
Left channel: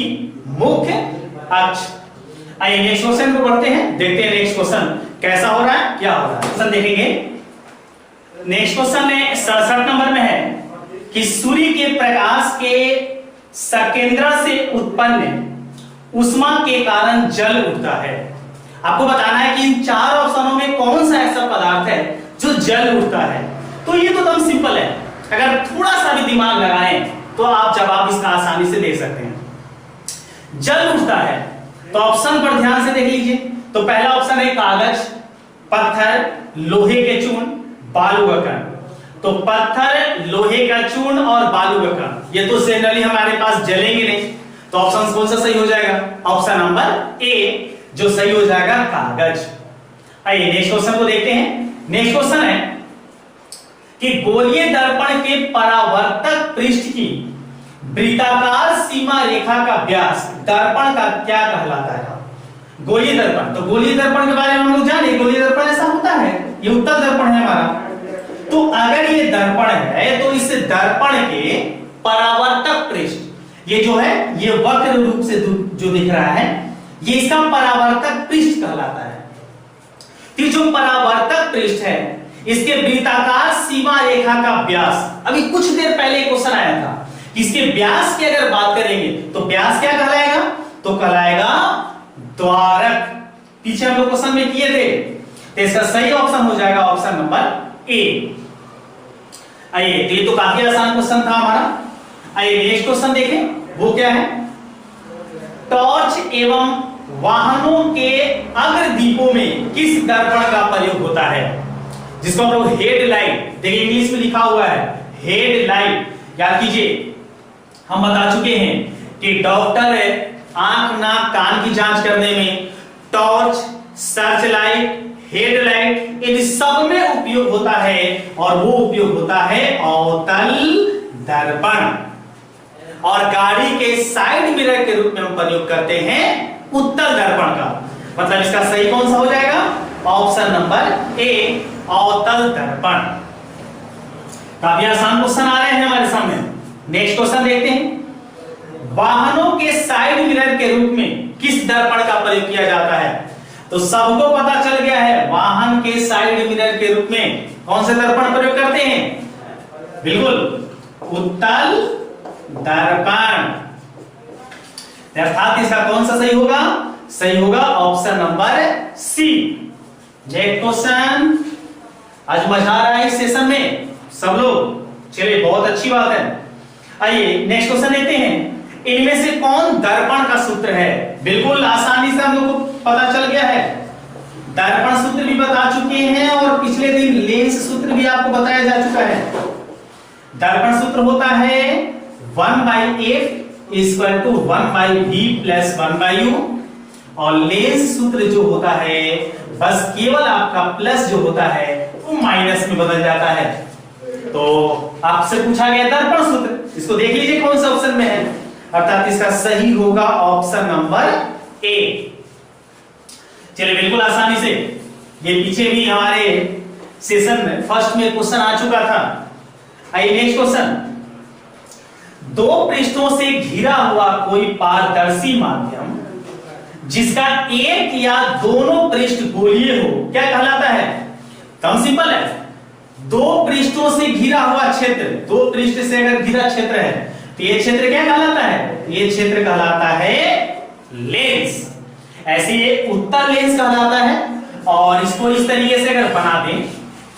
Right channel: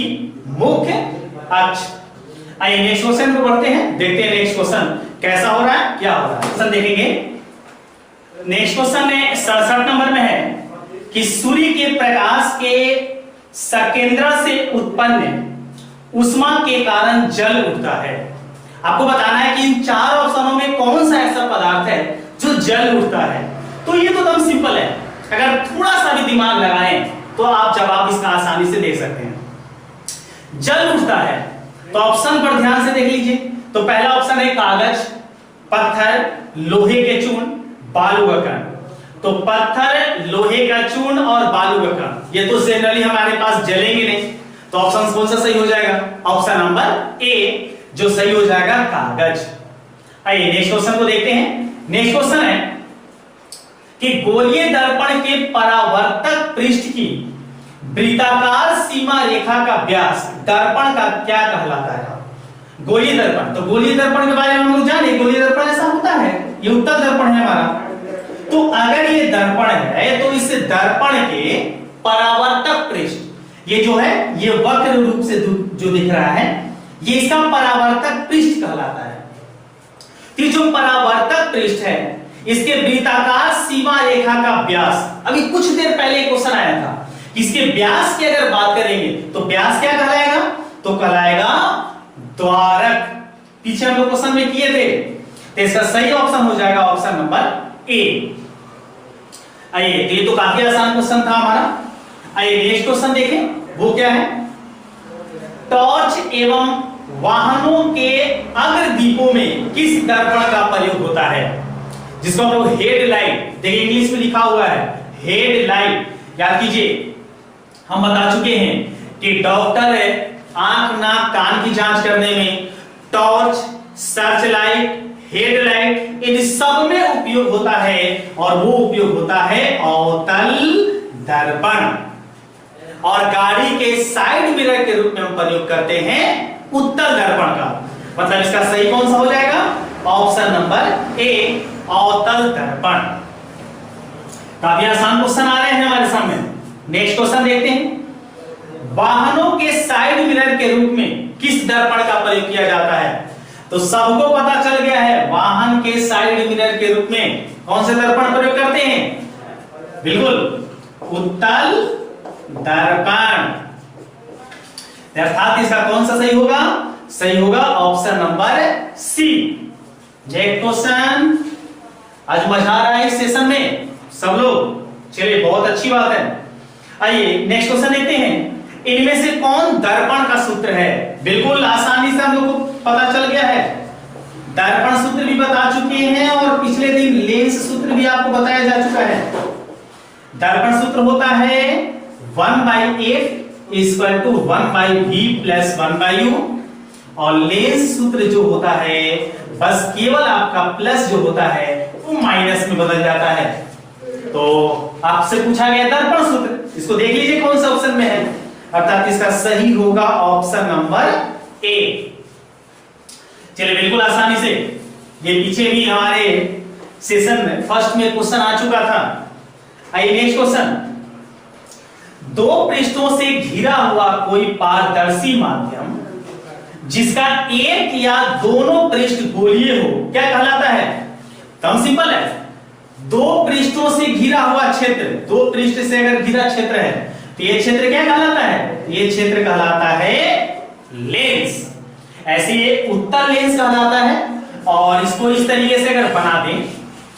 मुख्य अक्ष। आइए नेक्स्ट क्वेश्चन को पढ़ते हैं, देखते हैं नेक्स्ट क्वेश्चन कैसा हो रहा है, क्या हो रहा है। क्वेश्चन देखेंगे। नेक्स्ट क्वेश्चन में 67 नंबर में है कि सूर्य के प्रकाश के सकेंद्र से उत्पन्न उष्मा के कारण जल उठता है। आपको बताना है कि इन चार ऑप्शनों में कौन सा ऐसा पदार्थ है जो जल उठता है। तो ये तो एकदम सिंपल है, अगर थोड़ा सा भी दिमाग लगाएं तो आप जवाब इसका आसानी से दे सकते हैं। जल उठता है तो ऑप्शन पर ध्यान से देख लीजिए। तो पहला ऑप्शन है कागज, पत्थर, लोहे के चूर्ण, बालू का कण। तो पत्थर, लोहे का चूर्ण और बालू का कण, ये तो जनरली हमारे पास जलेंगे नहीं, तो ऑप्शन कौन सा सही हो जाएगा? ऑप्शन नंबर ए, जो सही हो जाएगा कागज। आइए नेक्स्ट क्वेश्चन को देखते हैं। नेक्स्ट क्वेश्चन है कि गोलीय दर्पण के परावर्तक पृष्ठ की वृत्ताकार सीमा रेखा का व्यास दर्पण का क्या कहलाता है? गोलीय दर्पण, तो गोलीय दर्पण के बारे में हम लोग जाने, गोलीय दर्पण ऐसा होता है, ये उत्तल दर्पण है हमारा। तो अगर ये दर्पण है तो इस दर्पण के परावर्तक पृष्ठ, ये जो है ये वक्र रूप से जो दिख रहा है, ये इसका परावर्तक पृष्ठ कहलाता है। तो जो परावर्तक पृष्ठ है इसके वृत्ताकार सीमा रेखा का व्यास, अभी कुछ देर पहले क्वेश्चन आया था, इसके व्यास की अगर बात करेंगे तो व्यास क्या कहलाएगा? तो कहलाएगा द्वारक। पीछे हम लोग क्वेश्चन में किए थे, तो इसका सही ऑप्शन हो जाएगा ऑप्शन नंबर ए। आइए, तो ये तो काफी आसान क्वेश्चन था हमारा। आइए नेक्स्ट क्वेश्चन देखें, वो क्या है? टॉर्च एवं वाहनों के अग्रदीपों में किस दर्पण का प्रयोग होता है? जिसको हम लोग हेडलाइट, देखिए इंग्लिश में लिखा हुआ है हेडलाइट। याद कीजिए, हम बता चुके हैं कि डॉक्टर आंख, नाक, कान की जांच करने में टॉर्च, सर्च लाइट, हेडलाइट, इन सब में उपयोग होता है, और वो उपयोग होता है अवतल दर्पण। और गाड़ी के साइड मिरर के रूप में हम प्रयोग करते हैं उत्तल दर्पण का। मतलब इसका सही कौन सा हो जाएगा? ऑप्शन नंबर ए, अवतल दर्पण। काफी आसान क्वेश्चन आ रहे हैं हमारे सामने। नेक्स्ट क्वेश्चन देखते हैं। वाहनों के साइड मिरर के रूप में किस दर्पण का प्रयोग किया जाता है? तो सबको पता चल गया है, वाहन के साइड मिरर के रूप में कौन से दर्पण प्रयोग करते हैं? बिल्कुल, उत्तल दर्पण। अर्थात इसका कौन सा सही होगा? सही होगा option number C. Next question, आज मजा आ रहा है इस सेशन में सब लोग, चलिए बहुत अच्छी बात है। आइए नेक्स्ट क्वेश्चन देखते हैं। इनमें से कौन दर्पण का सूत्र है? बिल्कुल आसानी से हम लोग को पता चल गया है। दर्पण सूत्र भी बता चुके हैं और पिछले दिन लेंस सूत्र भी आपको बताया जा चुका है। दर्पण सूत्र होता है 1/8 = 1/v + 1/u, और लेंस सूत्र जो होता है बस केवल आपका प्लस जो होता है वो माइनस में बदल जाता है। तो आपसे पूछा गया दर्पण सूत्र, इसको देख लीजिए कौन सा ऑप्शन में है, अर्थात इसका सही होगा ऑप्शन नंबर ए। चलिए बिल्कुल आसानी से, ये पीछे भी हमारे सेशन में फर्स्ट में क्वेश्चन आ चुका था। आइए नेक्स्ट क्वेश्चन। दो पृष्ठों से घिरा हुआ कोई पारदर्शी माध्यम जिसका एक या दोनों पृष्ठ गोलीय हो क्या कहलाता है? कम सिंपल है, दो पृष्ठों से घिरा हुआ क्षेत्र, दो पृष्ठ से अगर घिरा क्षेत्र है तो ये क्षेत्र क्या कहलाता है? ये क्षेत्र कहलाता है लेंस। ऐसे ये उत्तल लेंस कहलाता है। और इसको इस तरीके से अगर बना दें,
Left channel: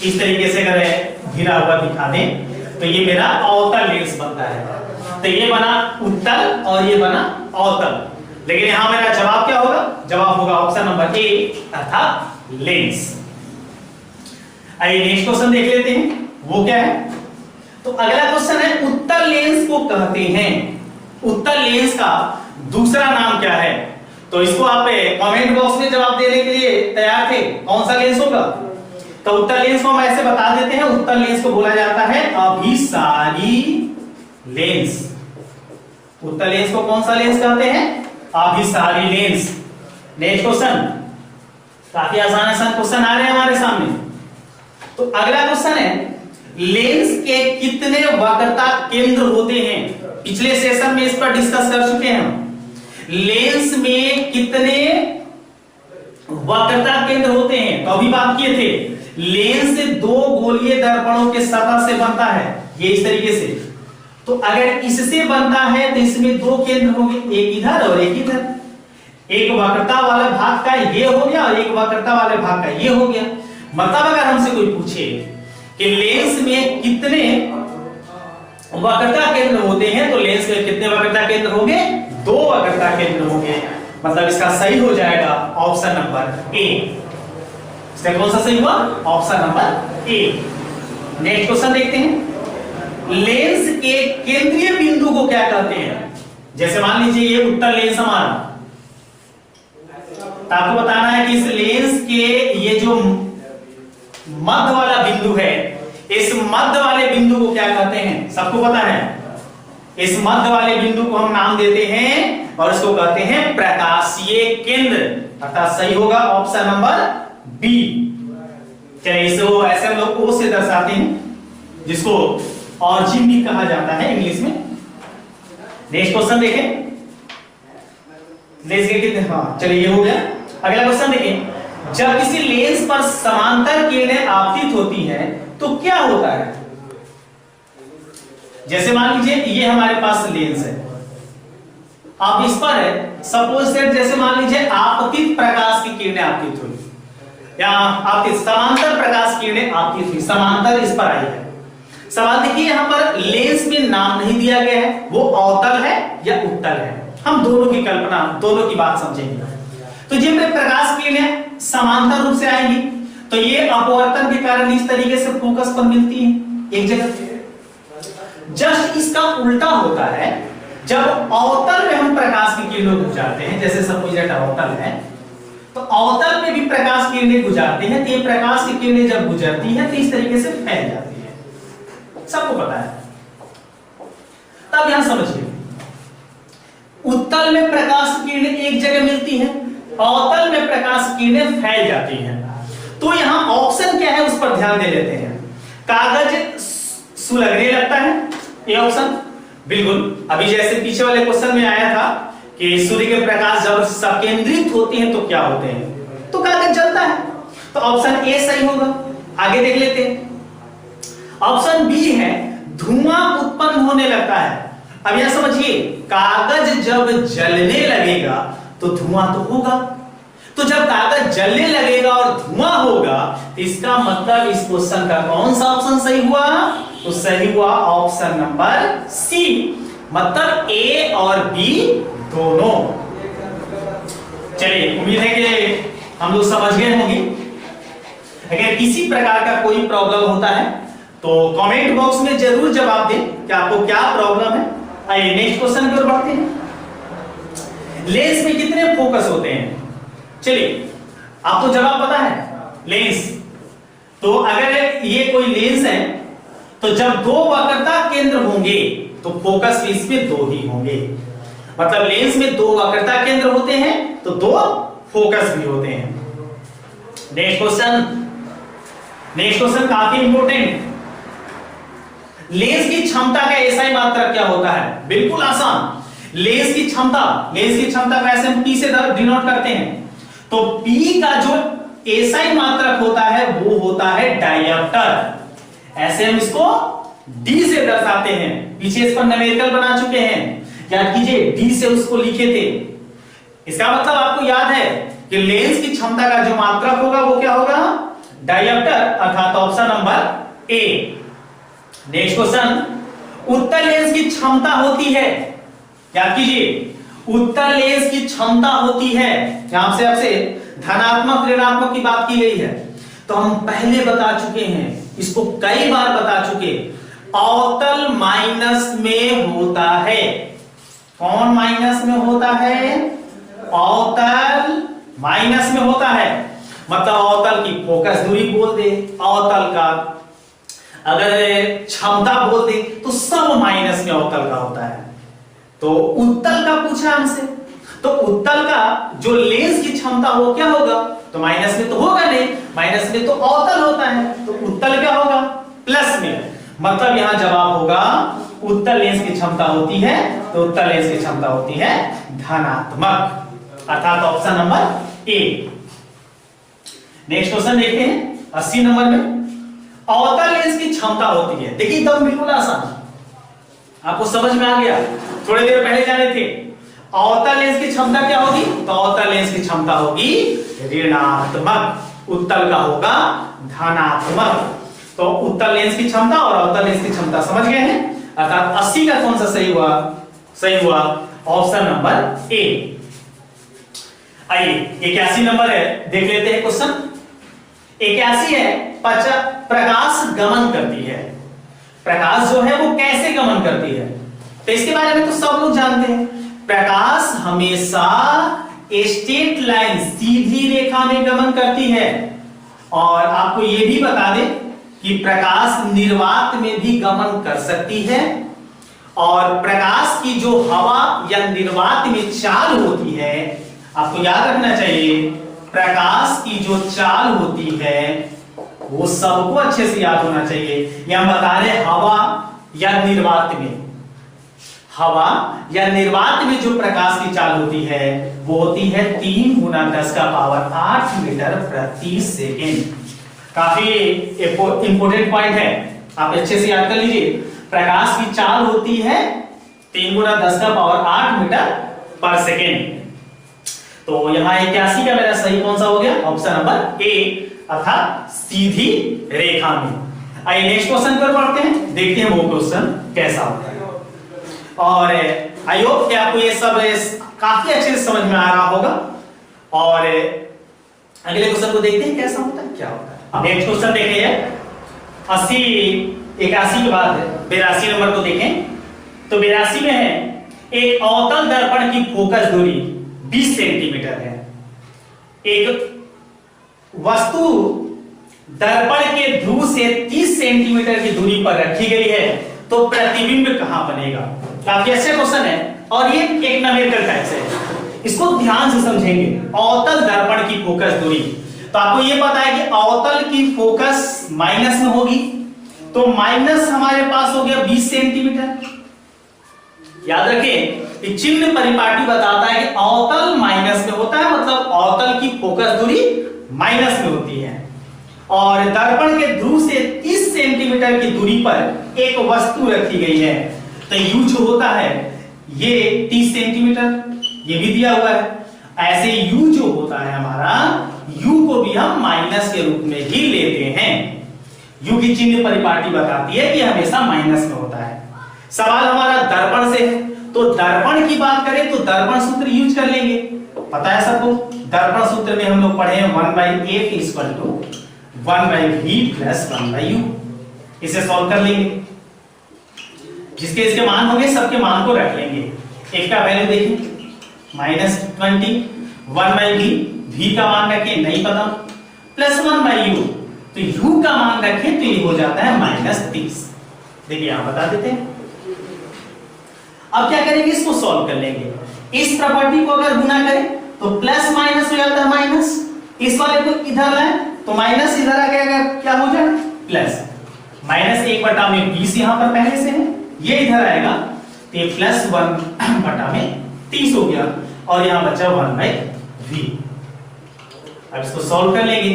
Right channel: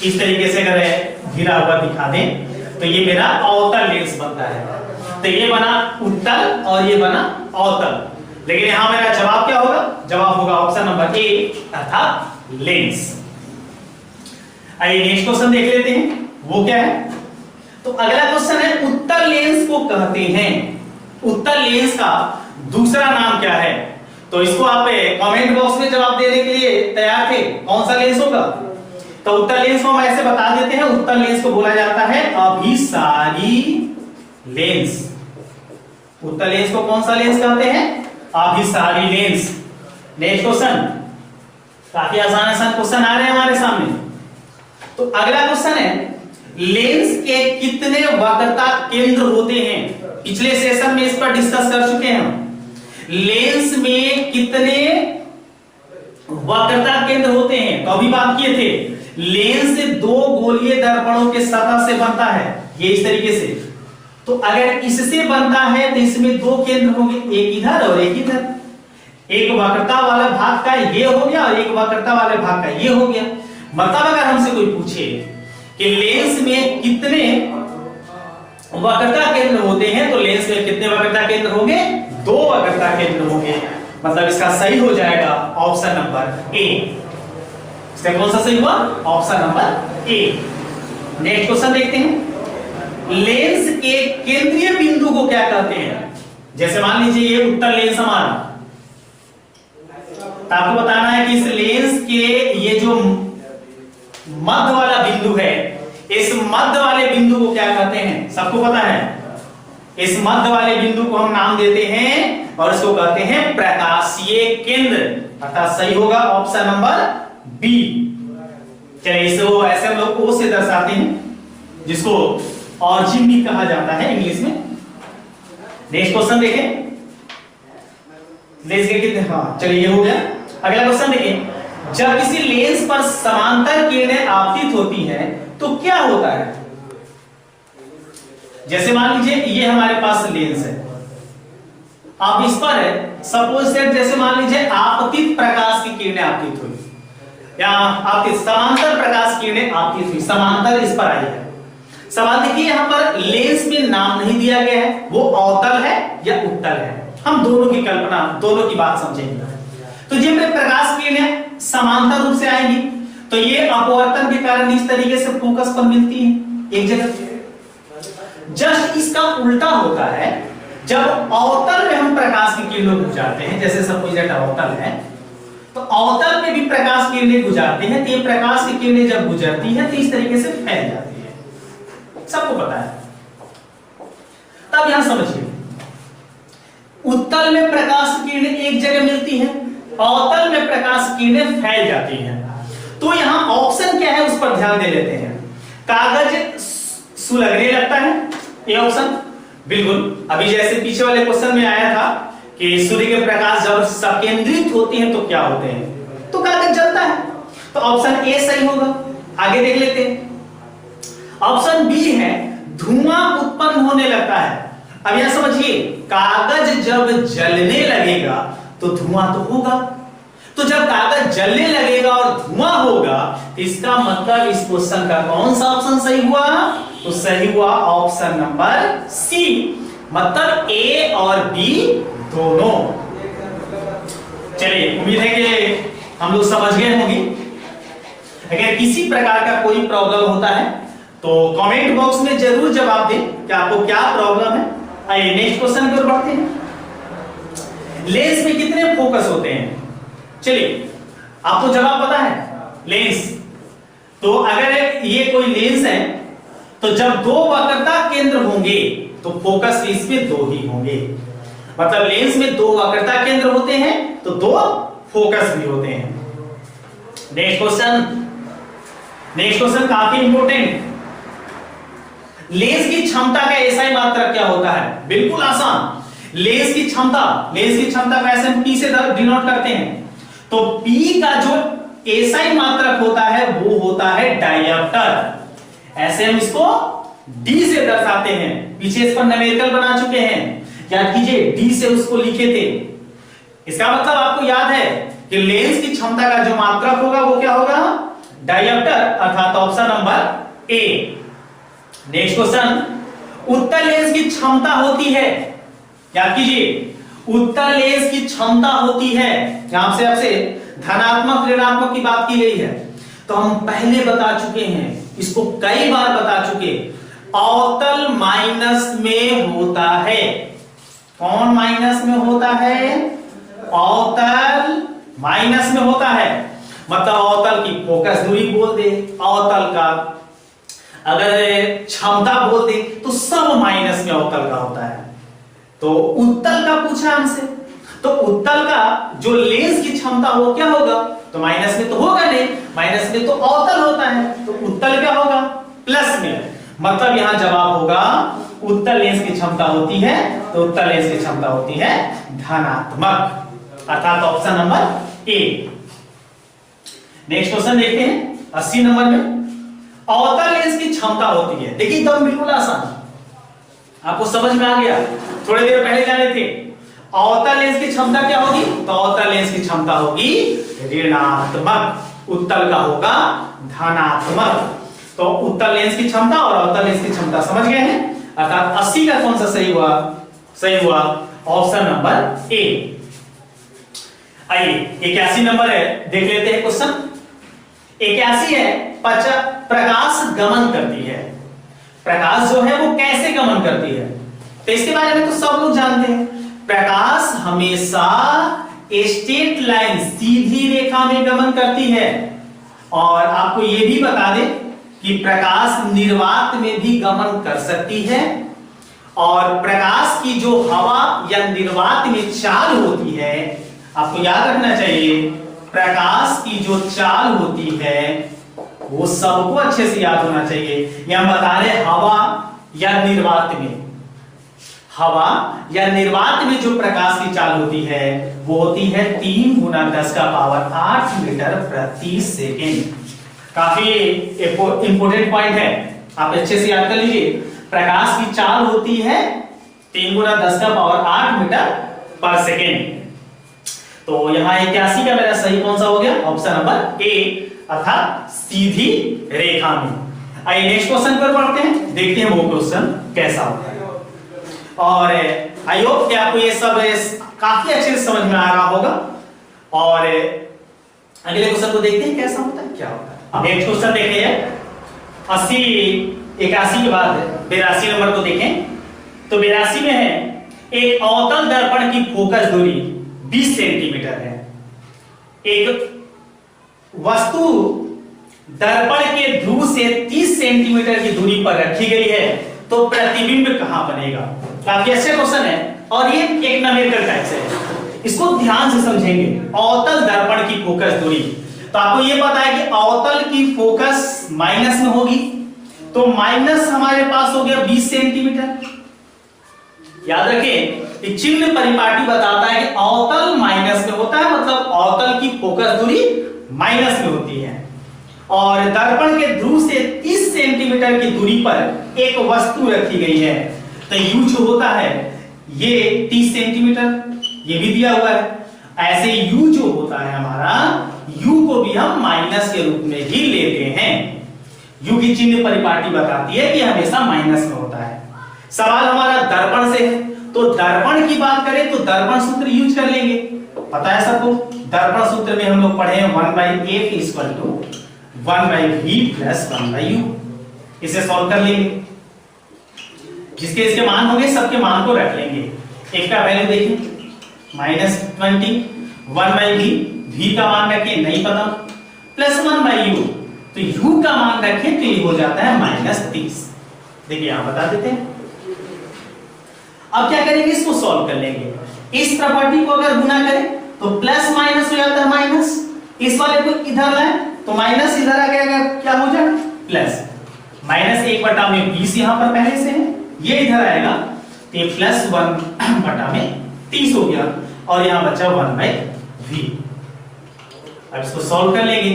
इस तरीके से अगर घिरा हुआ दिखा दें तो ये मेरा अवतल लेंस बनता है। तो ये बना उत्तल और ये बना अवतल। लेकिन यहां मेरा जवाब क्या होगा? जवाब होगा ऑप्शन नंबर ए अर्थात लेंस। आइए नेक्स्ट क्वेश्चन देख लेते हैं, वो क्या है। तो अगला क्वेश्चन है उत्तल लेंस को कहते हैं, उत्तल लेंस का दूसरा नाम क्या है? तो इसको आप कमेंट बॉक्स में जवाब देने के लिए तैयार थे, कौन सा लेंस होगा? तो उत्तल लेंस को हम ऐसे बता देते हैं, उत्तल लेंस को बोला जाता है अभिसारी लेंस। उत्तल लेंस को कौन सा लेंस कहते हैं? अभिसारी लेंस। नेक्स्ट क्वेश्चन, काफी आसान क्वेश्चन आ रहे हैं हमारे सामने। तो अगला क्वेश्चन है लेंस के कितने वक्रता केंद्र होते हैं? पिछले सेशन में इस पर डिस्कस कर चुके हैं हम। लेंस में कितने वक्रता केंद्र होते हैं? तो अभी बात किए थे लेंस दो गोलीय दर्पणों के सतह से बनता है, ये इस तरीके से। तो अगर इससे बनता है तो इसमें दो केंद्र होंगे, एक इधर और एक इधर। एक वक्रता वाले भाग का ये हो गया और एक वक्रता वाले भाग का ये हो गया। मतलब अगर हमसे कोई पूछे कि लेंस में कितने वक्रता केंद्र होते हैं तो लेंस में कितने वक्रता केंद्र होंगे? दो वक्रता केंद्र होंगे। मतलब इसका सही हो जाएगा ऑप्शन नंबर ए। इसका कौन सा सही हुआ? Option number A. Next question देखते हैं, लेंस के केंद्रीय बिंदु को क्या कहते हैं? जैसे मान लीजिए ये उत्तल लेंस हमारा, तो आपको बताना है कि इस लेंस के ये जो मध्य वाला बिंदु है, इस मध्य वाले बिंदु को क्या कहते हैं? सबको पता है। इस मध्य वाले बिंदु को हम नाम देते हैं और इसको कहते हैं प्रकाशीय केंद्र, अर्थात सही होगा ऑप्शन नंबर बी। चलिए इसको ऐसे हम लोग ओ से दर्शाते हैं, जिसको ऑरिजिन भी कहा जाता है इंग्लिश में। नेक्स्ट क्वेश्चन देखें, लेंस के कितने, हाँ चलिए ये हो गया। अगला क्वेश्चन देखें, जब किसी लेंस पर समांतर किरणें आपतित होती हैं तो क्या होता है? जैसे मान लीजिए ये हमारे पास लेंस है, आप इस पर है सपोज दैट, जैसे मान लीजिए आपतित प्रकाश की किरणें आपतित हुई, या आपतित समांतर प्रकाश की किरणें आपतित हुई, समांतर इस पर आई है। सवाल देखिए यहां पर लेंस में नाम नहीं दिया गया है, वो अवतल है या उत्तल है। हम दोनों की कल्पना, दोनों की बात समझेंगे। तो जब प्रकाश की किरणें समांतर रूप से आएंगी तो ये अपवर्तन के कारण इस तरीके से फोकस पर मिलती है एक जगह। जस्ट इसका उल्टा होता है, जब अवतल में हम प्रकाश की किरणों को गुजारते हैं, जैसे सपोज दैट अवतल है, तो अवतल में भी प्रकाश की किरणें गुजारते हैं, तो ये प्रकाश की किरणें जब गुजरती हैं तो इस तरीके से फैल जाती है, सबको पता है। तब यहां समझिए, उत्तल में प्रकाश की किरणें एक जगह मिलती हैं, अवतल में प्रकाश की किरणें फैल जाती हैं। तो यहां ऑप्शन क्या है उस पर ध्यान दे लेते हैं। कागज सुलगने लगता है, ये ऑप्शन बिल्कुल। अभी जैसे पीछे वाले क्वेश्चन में आया था कि सूर्य के प्रकाश जब संकेंद्रित होती है तो क्या होते हैं, तो कागज जलता है। तो ऑप्शन ए सही होगा। आगे देख लेते हैं, ऑप्शन बी है धुआं उत्पन्न होने लगता है। अब यहां समझिए, कागज जब जलने लगेगा तो धुआं तो होगा, तो जब कागज जलने लगेगा और धुआं होगा तो इसका मतलब इस क्वेश्चन का कौन सा ऑप्शन सही हुआ? तो सही हुआ ऑप्शन नंबर सी, मतलब ए और बी दोनों। चलिए उम्मीद है कि हम लोग समझ गए होंगे। अगर किसी प्रकार का कोई प्रॉब्लम होता है तो कमेंट बॉक्स में जरूर जवाब दें कि आपको क्या प्रॉब्लम है। आइए नेक्स्ट क्वेश्चन की ओर बढ़ते हैं। लेंस में कितने फोकस होते हैं? चलिए आपको जवाब पता है। लेंस, तो अगर ये कोई लेंस है तो जब दो वक्रता केंद्र होंगे तो फोकस भी इसमें दो ही होंगे। मतलब लेंस में दो वक्रता केंद्र होते हैं तो दो फोकस भी होते हैं। नेक्स्ट क्वेश्चन काफी इंपॉर्टेंट। लेंस की क्षमता का एसआई मात्रक क्या होता है? बिल्कुल आसान। लेंस की क्षमता को ऐसे हम P से डिनोट करते हैं। तो P का जो एसआई मात्रक होता है वो होता है डायप्टर। ऐसे हम इसको डी से दर्शाते हैं। पीछे इस पर न्यूमेरिकल बना चुके हैं, याद कीजिए डी से उसको लिखे थे। इसका मतलब आपको याद है कि लेंस की क्षमता का जो मात्रक होगा वो क्या होगा, डायप्टर, अर्थात option number A. Next question, उत्तल लेंस की क्षमता होती है, याद कीजिए उत्तल लेंस की क्षमता होती है, यहां से आपसे धनात्मक ऋणात्मक की बात की गई है, तो हम पहले बता चुके हैं, इसको कई बार बता चुके, अवतल माइनस में होता है। कौन माइनस में होता है, अवतल माइनस में होता है, मतलब अवतल की फोकस दूरी बोल दे, अवतल का अगर क्षमता बोल दे, तो सब माइनस में अवतल का होता है। तो उत्तल का पूछा हमसे, तो उत्तल का जो लेंस की क्षमता वो क्या होगा, तो माइनस में तो होगा नहीं, माइनस में तो अवतल होता है, तो उत्तल क्या होगा, प्लस में। मतलब यहां जवाब होगा उत्तल लेंस की क्षमता होती है, तो उत्तल लेंस की क्षमता होती है धनात्मक, अर्थात option number A. Next question देखते हैं 80 नंबर में, अवतल लेंस की क्षमता होती है। देखिए एकदम बिल्कुल आसान, आपको समझ में आ गया, थोड़ी देर पहले जाने थे। अवतल लेंस की क्षमता क्या होगी, तो अवतल लेंस की क्षमता होगी ऋणात्मक, उत्तल का होगा धनात्मक। तो उत्तल लेंस की क्षमता और अवतल लेंस की क्षमता समझ गए हैं, अर्थात 80 का कौन सा सही हुआ, सही हुआ ऑप्शन नंबर ए। आइए 81 नंबर है, देख लेते हैं क्वेश्चन। 81 है, प्रकाश गमन करती है। प्रकाश जो है वो कैसे गमन करती है, तो इसके बारे में तो सब लोग जानते हैं। प्रकाश हमेशा स्ट्रेट लाइन, सीधी रेखा में गमन करती है। और आपको यह भी बता दें कि प्रकाश निर्वात में भी गमन कर सकती है, और प्रकाश की जो हवा या निर्वात में चाल होती है, आपको याद रखना चाहिए प्रकाश की जो चाल होती है वो सबको अच्छे से याद होना चाहिए। या बता रहे हवा या निर्वात में, हवा या निर्वात में जो प्रकाश की चाल होती है वो होती है 3 × 10⁸ मीटर प्रति सेकेंड। काफी इंपोर्टेंट पॉइंट है, आप अच्छे से याद कर लीजिए। प्रकाश की चाल होती है 3 × 10⁸ मीटर पर सेकेंड। तो यहां 81 का मेरा सही कौन सा हो गया, ऑप्शन नंबर ए, अर्थात सीधी रेखा में। आइए नेक्स्ट क्वेश्चन पर पढ़ते हैं, देखते हैं वो क्वेश्चन कैसा होता है। और आई होप कि आपको ये सब काफी अच्छे से समझ में आ रहा होगा। और अगले क्वेश्चन को देखते हैं कैसा होता है, क्या होता है। नेक्स्ट क्वेश्चन देखिए 80 81 के बाद 82 नंबर को देखें, तो 82 में है, एक अवतल दर्पण की फोकस दूरी 20 सेंटीमीटर है। एक वस्तु दर्पण के ध्रुव से 30 सेंटीमीटर की दूरी पर रखी गई है, तो प्रतिबिंब कहां बनेगा। काफी अच्छा क्वेश्चन है, और ये एक न्यूमेरिकल टाइप से है, इसको ध्यान से समझेंगे। अवतल दर्पण की फोकस दूरी, तो आपको ये पता है कि अवतल की फोकस माइनस में होगी, तो माइनस हमारे पास हो गया 20 सेंटीमीटर। याद रखें, चिन्ह परिपाटी बताता है कि अवतल माइनस में होता है, मतलब अवतल की फोकस दूरी माइनस में होती है। और दर्पण के ध्रुव से 30 सेंटीमीटर की दूरी पर एक वस्तु रखी गई है, तो यू जो होता है ये 30 सेंटीमीटर, ये भी दिया हुआ है। ऐसे यू जो होता है हमारा, यू को भी हम माइनस के रूप में ही लेते हैं। यू की चिन्ह परिपाटी बताती है कि हमेशा माइनस में होता है। सवाल हमारा दर्पण से है, तो दर्पण की बात करें तो दर्पण सूत्र यूज कर लेंगे, पता है सबको। दर्पण सूत्र में हम लोग पढ़े हैं 1/f = 1/v + 1/u। इसे सॉल्व कर लेंगे, जिसके इसके मान होंगे सबके मान को रख लेंगे। एक का वैल्यू देखिए -20, 1/v, v का मान रखिए नहीं पता, + 1/u, तो u का मान रखें तो ये हो जाता है -30। देखिए यहां बता देते हैं। अब क्या करेंगे, इसको सॉल्व कर लेंगे। इस प्रॉपर्टी को अगर गुना करें तो प्लस माइनस हो जाता है माइनस, इस वाले को इधर लाए तो माइनस इधर आ गया, क्या हो जाएगा प्लस। -1/20 यहां पर पहले से है, ये इधर आएगा तो ये +1/30 हो गया, और यहां बचा 1/v। अब इसको सॉल्व कर लेंगे।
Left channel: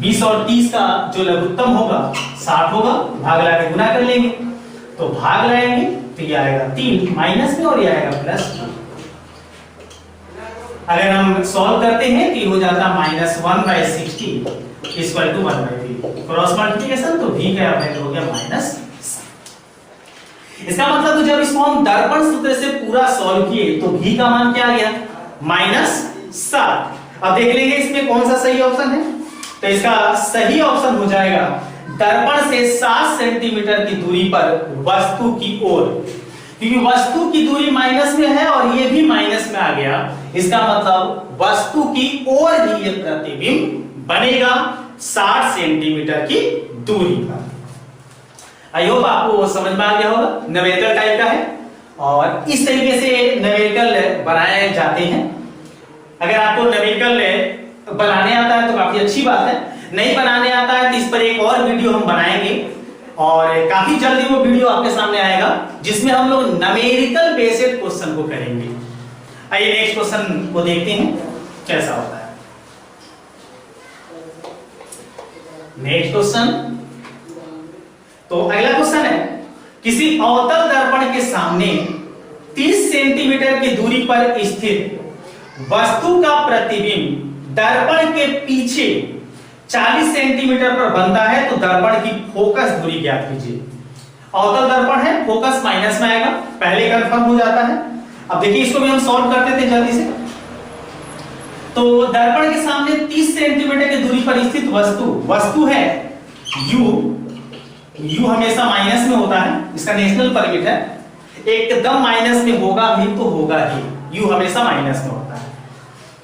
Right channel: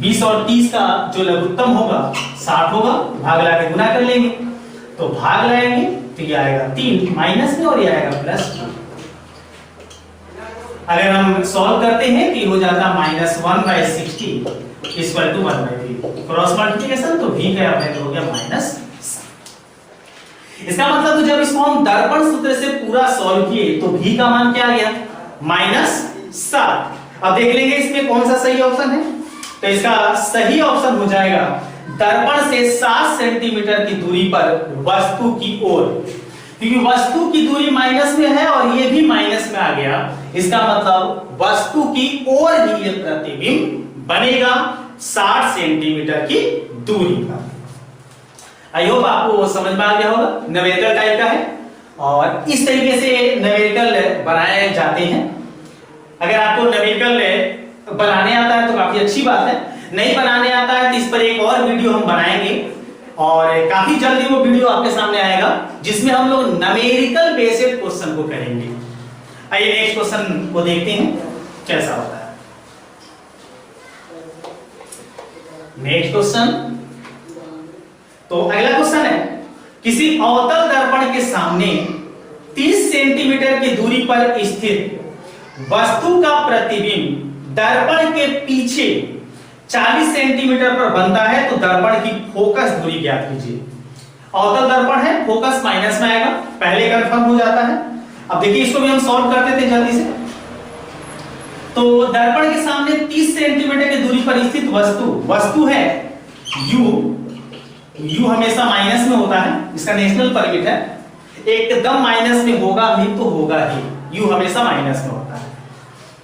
20 और 30 का जो लघुत्तम होगा 60 होगा, भाग लगा के गुना कर लेंगे, तो भाग लगाएंगे तो ये आएगा 3 माइनस में और ये आएगा प्लस। अगर हम सॉल्व करते हैं तो ये हो जाता -1/60 इक्वल टू 1/3, क्रॉस मल्टीप्लिकेशन तो v का वैल्यू हो गया -7। इसका मतलब तो जब इसको हम दर्पण सूत्र से पूरा सॉल्व किए तो v का मान क्या आ गया -7। अब देख लेंगे इसमें कौन सा सही ऑप्शन है, तो इसका सही ऑप्शन हो जाएगा दर्पण से 7 सेंटीमीटर की दूरी पर वस्तु की ओर, क्योंकि वस्तु की दूरी माइनस में है और ये भी माइनस में आ गया, इसका मतलब वस्तु की ओर ही ये प्रतिबिंब बनेगा 60 सेंटीमीटर की दूरी पर। आई होप आपको समझ में आ गया होगा, न्यूमेरिकल टाइप का है और इस तरीके से न्यूमेरिकल बनाए जाते हैं। अगर आपको न्यूमेरिकल बनाने आता है तो काफी अच्छी बात है, नहीं बनाने आता है तो इस पर एक और वीडियो हम बनाएंगे और काफी जल्दी वो वीडियो आपके सामने आएगा जिसमें हम लोग न्यूमेरिकल बेस्ड क्वेश्चन को करेंगे। आइए नेक्स्ट क्वेश्चन को देखते हैं कैसा होता है। नेक्स्ट क्वेश्चन, तो अगला क्वेश्चन है किसी अवतल दर्पण के सामने 30 सेंटीमीटर की दूरी पर स्थित वस्तु का प्रतिबिंब दर्पण के पीछे 40 सेंटीमीटर पर बनता है तो दर्पण की फोकस दूरी ज्ञात कीजिए। अवतल दर्पण है, फोकस माइनस में आएगा, पहले कंफर्म हो जाता है। अब देखिए इसको भी हम सॉल्व करते थे जल्दी से। तो दर्पण के सामने 30 सेंटीमीटर की दूरी पर स्थित वस्तु है u हमेशा माइनस में होता है, इसका नेशनल परमिट है, एकदम माइनस में होगा भी तो होगा ही, u हमेशा माइनस में होता है।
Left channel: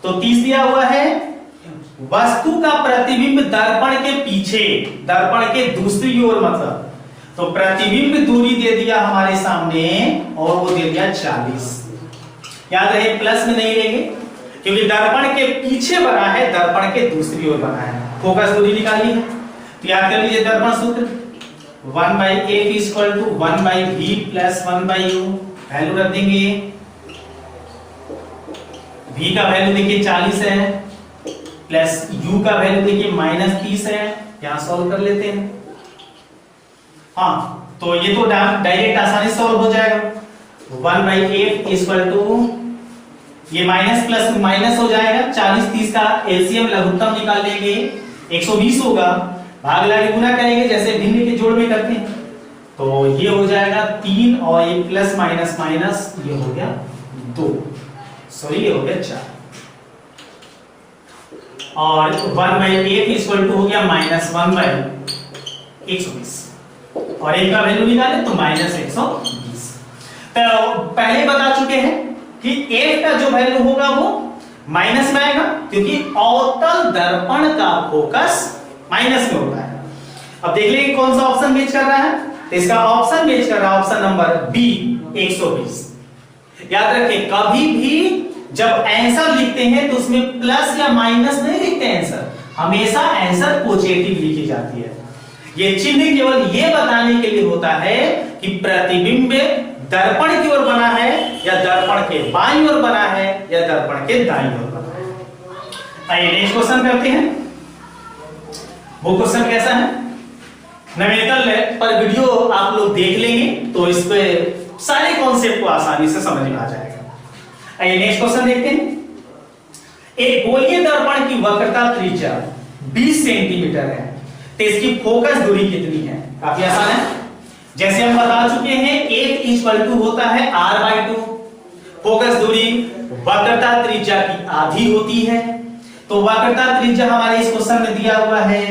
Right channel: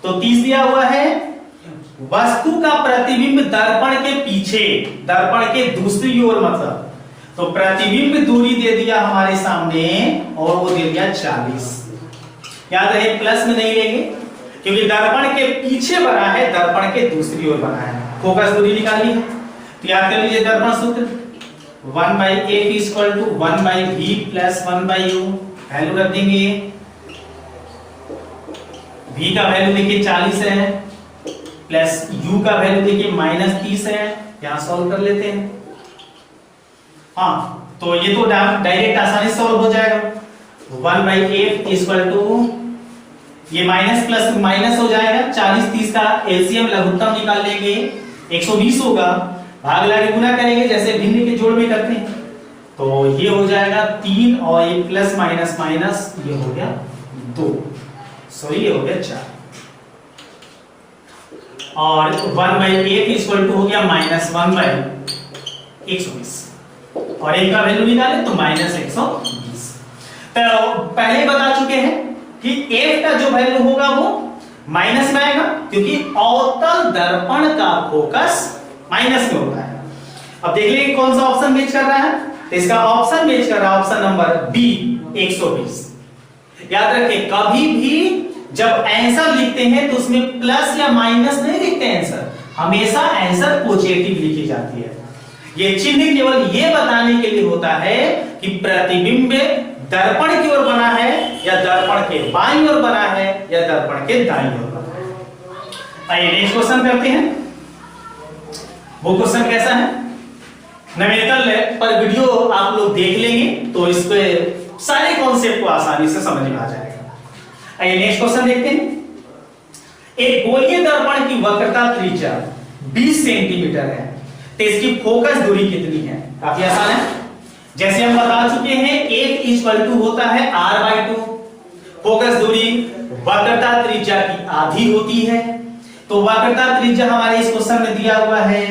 तो 30 दिया हुआ है, वस्तु का प्रतिबिंब दर्पण के पीछे, दर्पण के दूसरी ओर मतलब, तो प्रतिबिंब दूरी दे दिया हमारे सामने और वो दे दिया 40। याद रहे प्लस में नहीं लेंगे क्योंकि दर्पण के पीछे बना है, दर्पण के दूसरी ओर बना है, फोकस दूरी निकाली है। तो याद कर लीजिए दर्पण सूत्र 1/f = 1/v + 1/u, वैल्यू रख देंगे। v का वैल्यू देखिए 40 है प्लस u का वैल्यू देखिए -30 है, यहां सॉल्व कर लेते हैं। हाँ तो ये तो डायरेक्ट आसानी से सॉल्व हो जाएगा। 1/f = ये माइनस प्लस माइनस हो जाएगा, 40 30 का एलसीएम लघुत्तम निकाल लेंगे 120 होगा, भाग लगा के गुना करेंगे जैसे भिन्न के जोड़ में करते हैं, तो ये हो जाएगा 3 और ये प्लस माइनस माइनस ये हो गया 2, सॉरी ये हो गया 4 और 1/f = हो गया -1/120 और एक का वैल्यू निकाले तो -120। तो पहले बता चुके हैं कि f का जो वैल्यू होगा वो माइनस में आएगा क्योंकि अवतल दर्पण का फोकस माइनस में होता है। अब देख लेंगे कौन सा ऑप्शन मैच कर रहा है, तो इसका ऑप्शन मैच कर रहा है ऑप्शन नंबर बी 120। याद रखें कभी भी जब आंसर लिखते हैं तो उसमें प्लस या माइनस नहीं लिखते आंसर, हमेशा आंसर पॉजिटिव लिखी जाती है। ये चिन्ह केवल ये बताने के लिए होता है कि प्रतिबिंब दर्पण की ओर बना है या दर्पण के बाईं ओर बना है या दर्पण के दाईं ओर बना है। आइए नेक्स्ट क्वेश्चन करते हैं। वो क्वेश्चन कैसा है, न्यूमेरिकल पर वीडियो आप लोग देख लेंगे तो इसके सारे कॉन्सेप्ट को आसानी से समझ में आ जाएगा। आइए नेक्स्ट क्वेश्चन देखते हैं। एक गोलीय दर्पण की वक्रता त्रिज्या 20 सेंटीमीटर है तो इसकी फोकस दूरी कितनी है? काफी आसान है, जैसे हम बता चुके हैं f = होता है r/2, फोकस दूरी वक्रता त्रिज्या की आधी होती है, तो वक्रता त्रिज्या हमारे इस क्वेश्चन में दिया हुआ है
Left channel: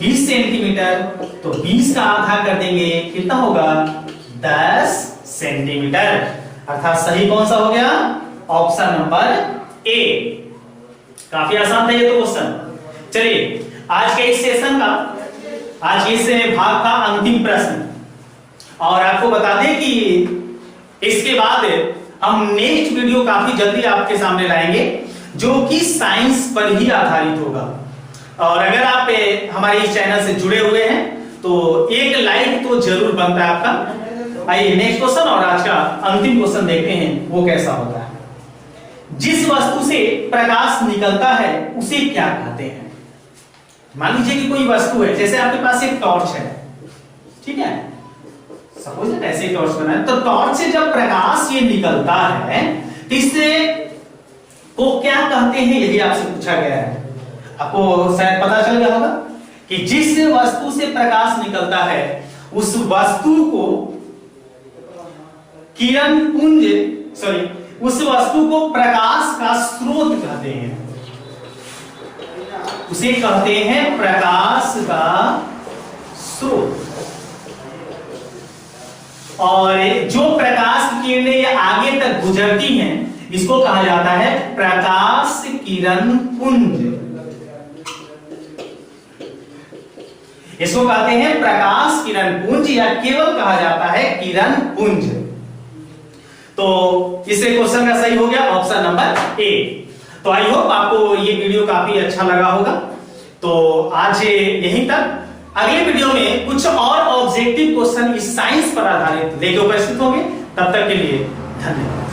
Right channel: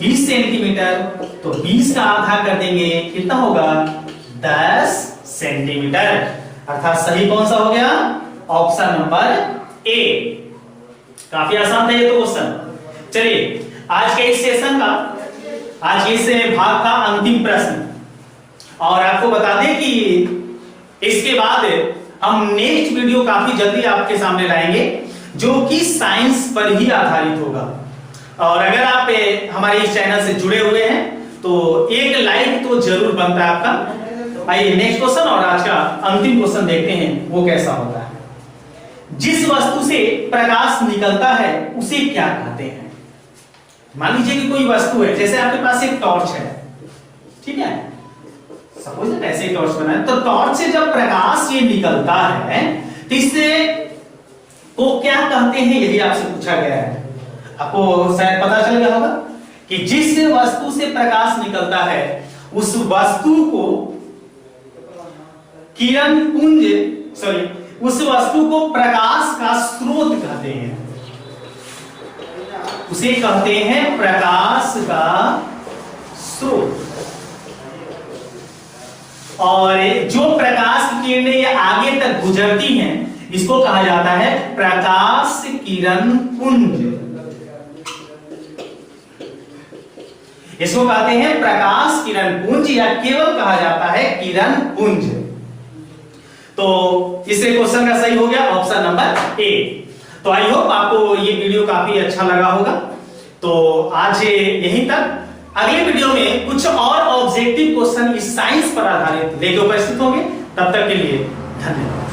20 सेंटीमीटर, तो 20 का आधा कर देंगे कितना होगा 10 सेंटीमीटर, अर्थात सही कौन सा हो गया ऑप्शन नंबर ए। काफी आसान था ये तो क्वेश्चन। चलिए आज के इस सेशन का, आज के इस भाग का अंतिम प्रश्न, और आपको बता दें कि इसके बाद हम नेक्स्ट वीडियो काफी जल्दी आपके सामने लाएंगे जो कि साइंस पर ही आधारित होगा। और अगर आप हमारे इस चैनल से जुड़े हुए हैं तो एक लाइक तो जरूर बनता है आपका। आइए नेक्स्ट क्वेश्चन और आज का अंतिम क्वेश्चन देखते हैं वो कैसा होता है। जिस वस्तु से प्रकाश निकलता है उसे क्या कहते हैं? मान लीजिए कि कोई वस्तु है, जैसे आपके पास एक टॉर्च है, ठीक है, सपोज दैट ऐसे ही टॉर्च बना है, तो टॉर्च से जब प्रकाश ये निकलता है तो इससे को क्या कहते हैं, यदि आपसे पूछा गया है, आपको शायद पता चल गया होगा कि जिस वस्तु से प्रकाश निकलता है उस वस्तु को किरण पुंज, सॉरी, उस वस्तु को प्रकाश का स्रोत कहते हैं, उसे कहते हैं प्रकाश का स्रोत। और जो प्रकाश की किरणें ये आगे तक गुजरती हैं इसको कहा जाता है प्रकाश किरण पुंज, इसको कहते हैं प्रकाश किरण पुंज या केवल कहा जाता है किरण पुंज। तो इससे क्वेश्चन का सही हो गया ऑप्शन नंबर ए। तो आई होप आपको ये वीडियो काफी अच्छा लगा होगा। तो आज यहीं तक, अगले वीडियो में कुछ और ऑब्जेक्टिव क्वेश्चन इस साइंस पर आधारित लेकर उपस्थित होंगे। तब तक के लिए धन्यवाद।